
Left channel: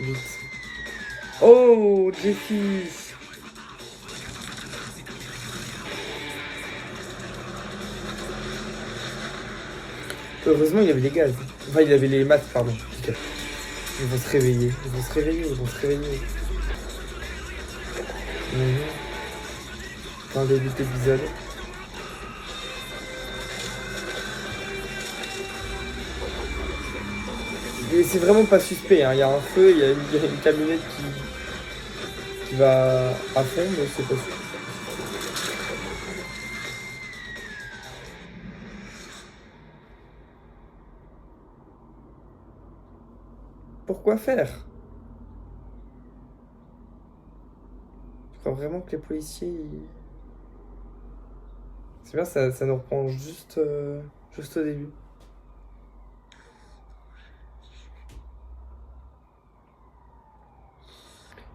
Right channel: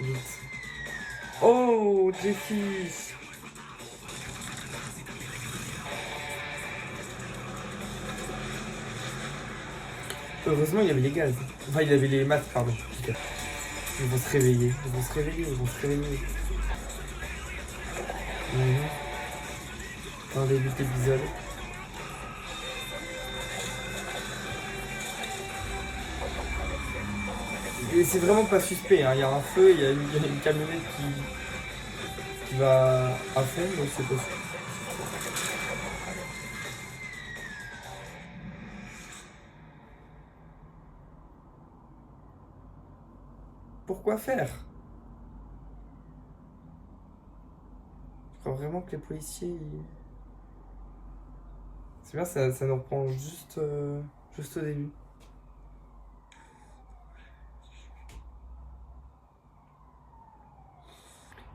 Vite. Oh, Jeffy! Heureusement, il y avait les gaz. Enfin, il y avait les maths, pardon. Putain. Ils vont se réveiller, ils vont se réveiller, ils vont se réveiller. Dans le début de l'épisode. Et c'est vraiment pas suspect, hein. Il y a un feu, il y a une camionnette qui va à fond, donc c'est pas suspect. Pourquoi faire? Je crois vraiment que les policiers... C'est bien, ça nous reprend juste au début.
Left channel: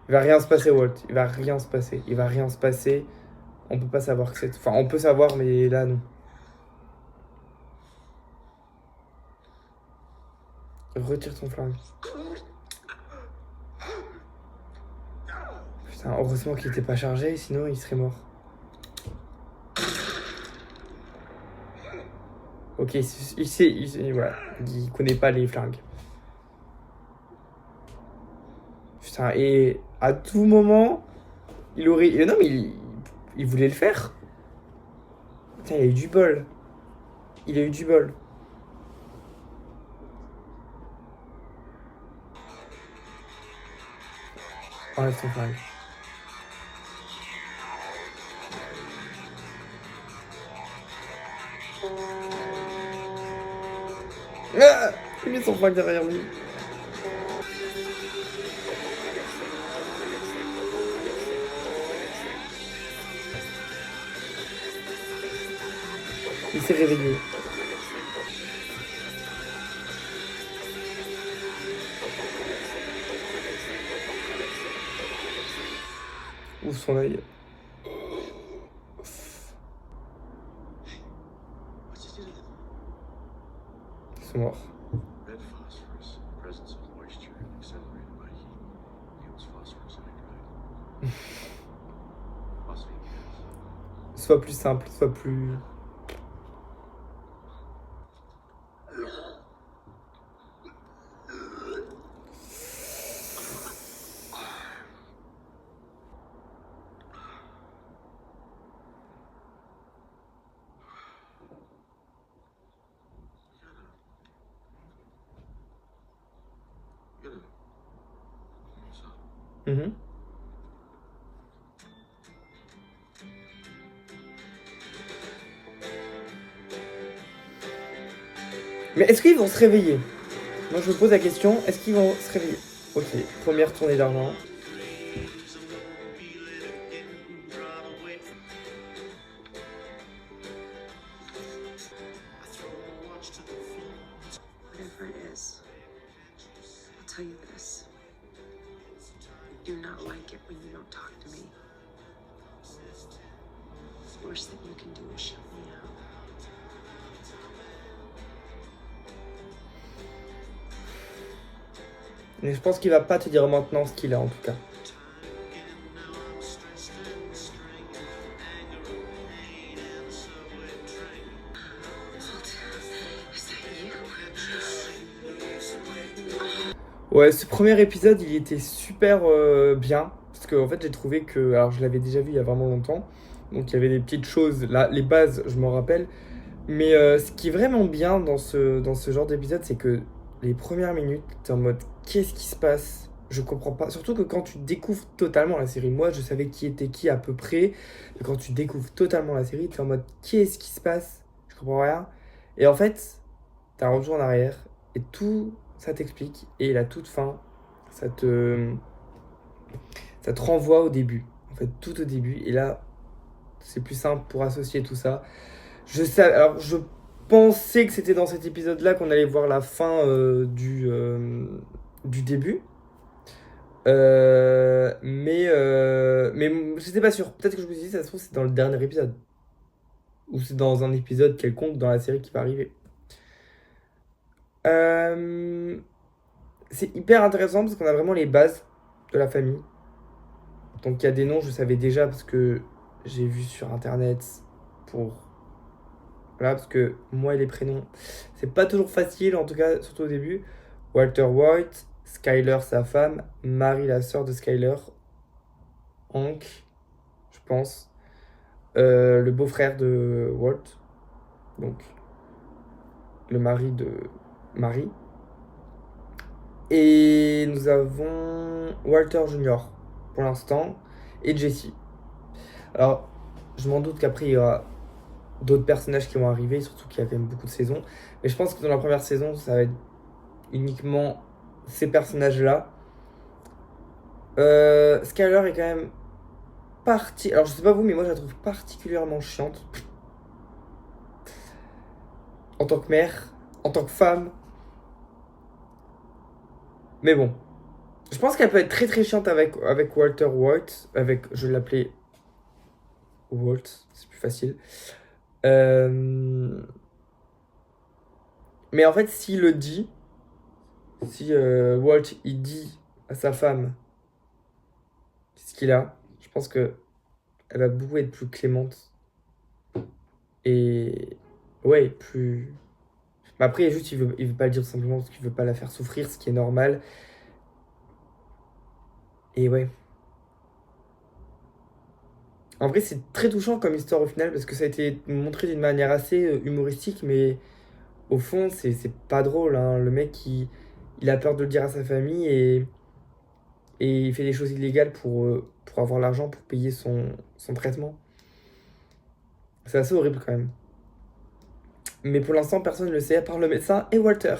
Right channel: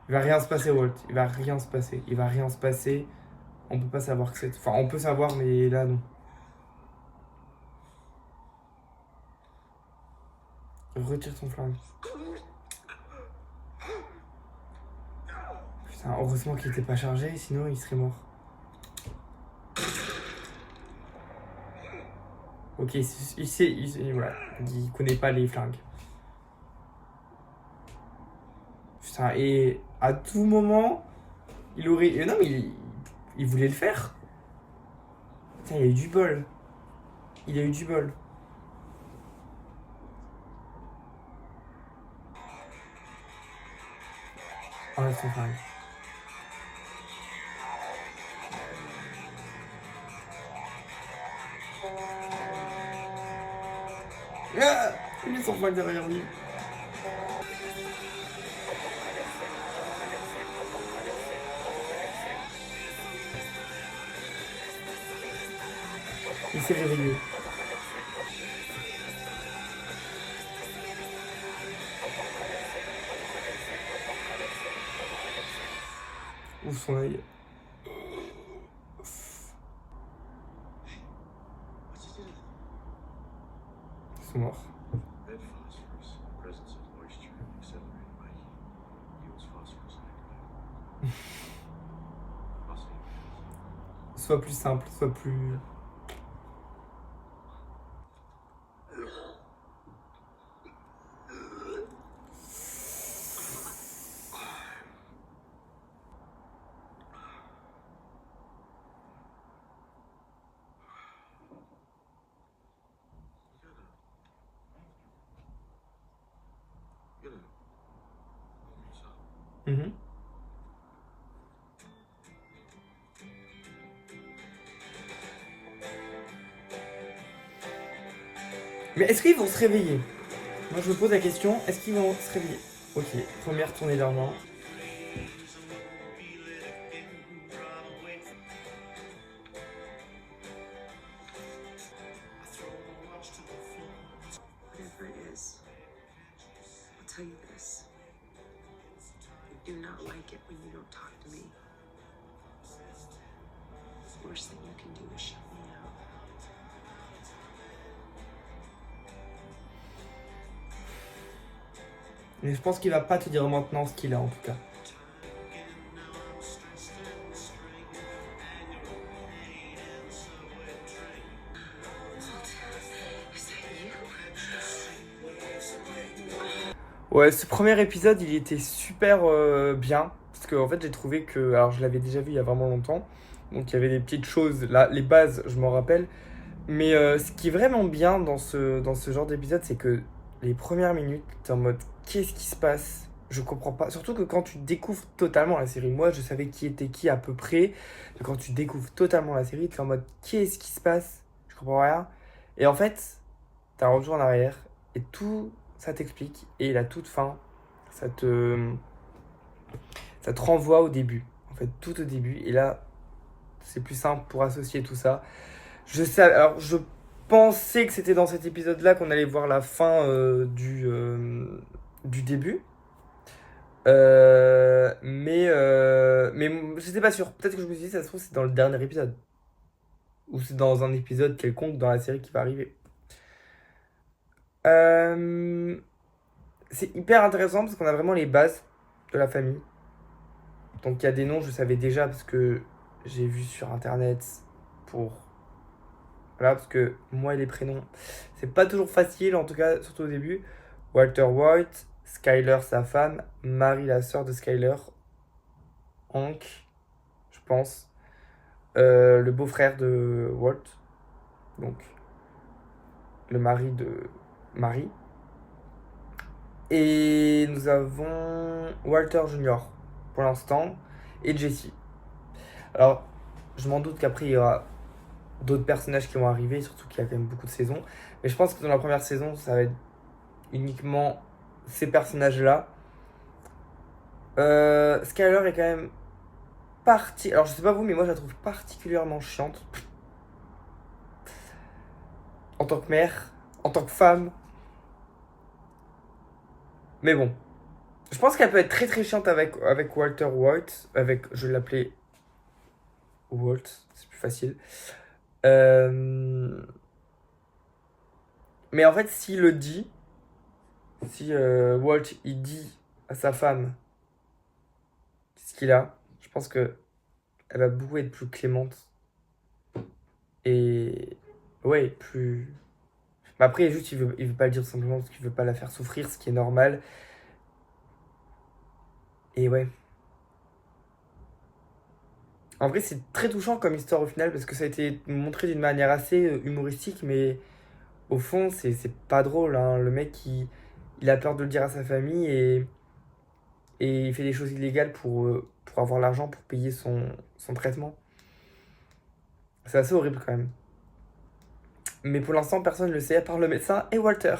Il va rien se passer, Walt. Il va rien se passer. Il va rien se passer. On peut pas savoir que c'est... Enfin, on peut savoir, mais là, non. Retire ton flingue. Putain, heureusement qu'il était pas chargé, sinon il serait mort. Ok, il sait, voilà. Il connaît pas les flingues. Putain, et à tout moment, il aurait... Non, mais il voulait le faire. Putain, il a eu du bol. Il a eu du bol. Enlève ton flingue. Ah, il met son flingue derrière lui. Il s'est réveillé. Où son œil? Ils sont morts. Red phosphorus, presence of moisture and accelerated by heat, yields phosphorus nitride. Phosphate gas. Soit plus simple, soit plus... Mhm. Mais est-ce qu'ils vont se réveiller? Moi je me pose la question, est-ce qu'ils vont se réveiller? Ok, première tournée d'argent. Whatever it is, I'll tell you this. I do not like it when you don't talk to me. The worst thing you can do is shut me out. Mais je pense qu'il va pas te dire maintenant ce qu'il a en tout cas. Ouais, ce premier épisode, il était super bien. Parce que en fait, j'ai trouvé que... Alors, je l'avais déjà vu il y a vraiment longtemps. Donc, il y avait des petites choses. Là, les bases, je m'en rappelle. Mais ce qui est vraiment bien dans ce genre d'épisode, c'est que les premières minutes, t'es en mode, qu'est-ce qui se passe? Je comprends pas. Surtout que quand tu découvres totalement la série, moi, je savais qui était qui à peu près. Mais quand tu découvres totalement la série, t'es en mode, qu'est-ce qui se passe? Je comprends rien. Et en fait, t'as un retour en arrière. Et tout... ça t'explique, et la toute fin, ça te renvoie au début, en fait, tout au début, et là, c'est plus simple pour associer tout ça. Alors, je pensais que c'était dans cet épisode-là qu'on allait voir la fin du début, mais j'étais pas sûr. Peut-être que je me suis dit, ça se trouve, c'est dans le dernier épisode, ou c'est dans un épisode quelconque dans la série qui va arriver. C'est hyper intéressant parce qu'on a vraiment les bases de la famille. Donc il y a des noms, je savais déjà parce que j'ai vu sur internet pour... Voilà, parce que moi et les prénoms, c'est pas toujours facile, en tout cas, surtout au début. Walter White, Skyler, sa femme, Mary, la sœur de Skyler, Hank, je pense, le beau-frère de Walt, donc le mari de Mary. Et nous avons Walter Jr. pour l'instant et Jesse. Alors, je m'en doute qu'après il y aura d'autres personnages qui vont arriver, surtout qu'il y a quand même beaucoup de saisons. Mais je pense que dans la première saison, ça va être uniquement ces personnages-là. Skyler est quand même partie. Alors, je sais pas vous, mais moi je la trouve particulièrement chiante. En tant que mère, en tant que femme. Mais bon. Je pense qu'elle peut être très très chiante avec Walter White. Je vais l'appeler Walt, c'est plus facile. Mais en fait, s'il le dit, si Walt il dit à sa femme ce qu'il a, je pense que elle va beaucoup être plus clémente. Et ouais, plus. Mais après, juste, il veut pas le dire simplement parce qu'il veut pas la faire souffrir, ce qui est normal. Et ouais. En vrai, c'est très touchant comme histoire au final parce que ça a été montré d'une manière assez humoristique, mais au fond, c'est pas drôle, hein. Le mec, il a peur de le dire à sa famille et il fait des choses illégales pour avoir l'argent pour payer son traitement. C'est assez horrible quand même. Mais pour l'instant, personne ne le sait à part le médecin et Walter.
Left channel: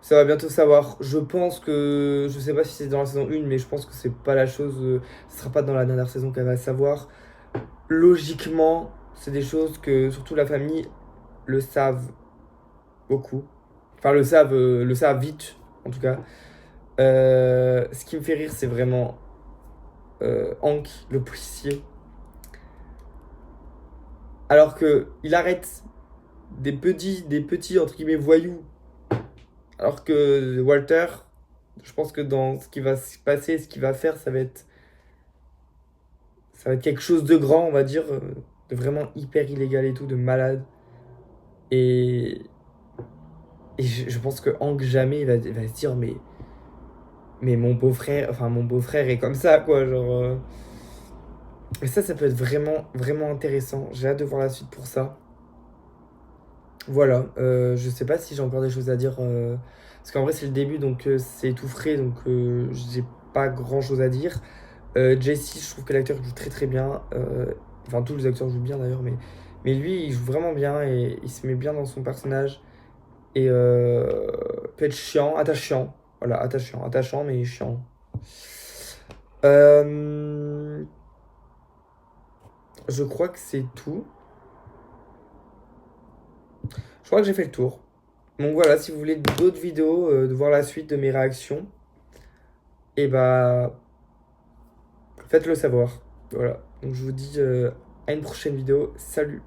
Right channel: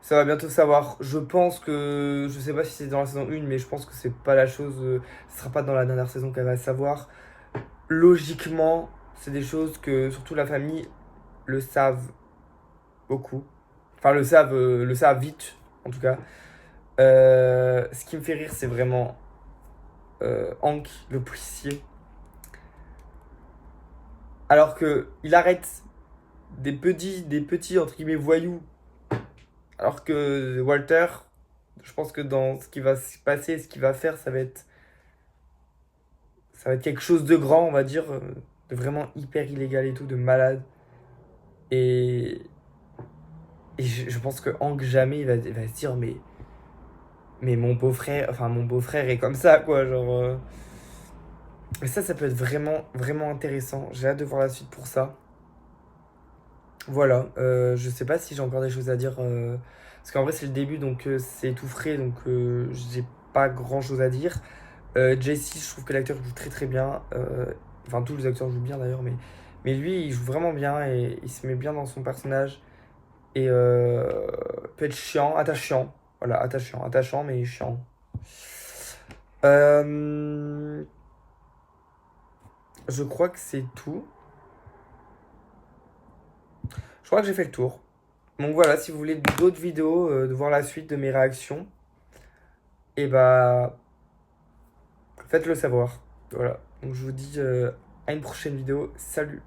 Ça va bientôt savoir. Je pense que. Je sais pas si c'est dans la saison 1, mais je pense que c'est pas la chose. Ce sera pas dans la dernière saison qu'elle va savoir. Logiquement, c'est des choses que surtout la famille le savent beaucoup. Enfin, le savent vite, en tout cas. Ce qui me fait rire, c'est vraiment Hank, le policier. Alors que il arrête des petits entre guillemets voyous. Alors que Walter, je pense que dans ce qui va se passer, ce qu'il va faire, ça va être quelque chose de grand, on va dire, de vraiment hyper illégal et tout, de malade. Et je pense que Hank jamais il va se dire mais mon beau-frère est comme ça, quoi, genre. Et ça peut être vraiment, vraiment intéressant. J'ai hâte de voir la suite pour ça. Voilà, je sais pas si j'ai encore des choses à dire. Parce qu'en vrai, c'est le début, donc c'est tout frais, donc j'ai pas grand chose à dire. Jesse, je trouve que l'acteur joue très très bien. Enfin, tous les acteurs jouent bien d'ailleurs, mais lui, il joue vraiment bien et il se met bien dans son personnage. Et peut être chiant, attachant. Voilà, attachant, mais chiant. Je crois que c'est tout. Je crois que j'ai fait le tour. Donc voilà, si vous voulez d'autres vidéos, de voir la suite de mes réactions, et bah faites-le savoir. Voilà. Donc je vous dis à une prochaine vidéo. Salut!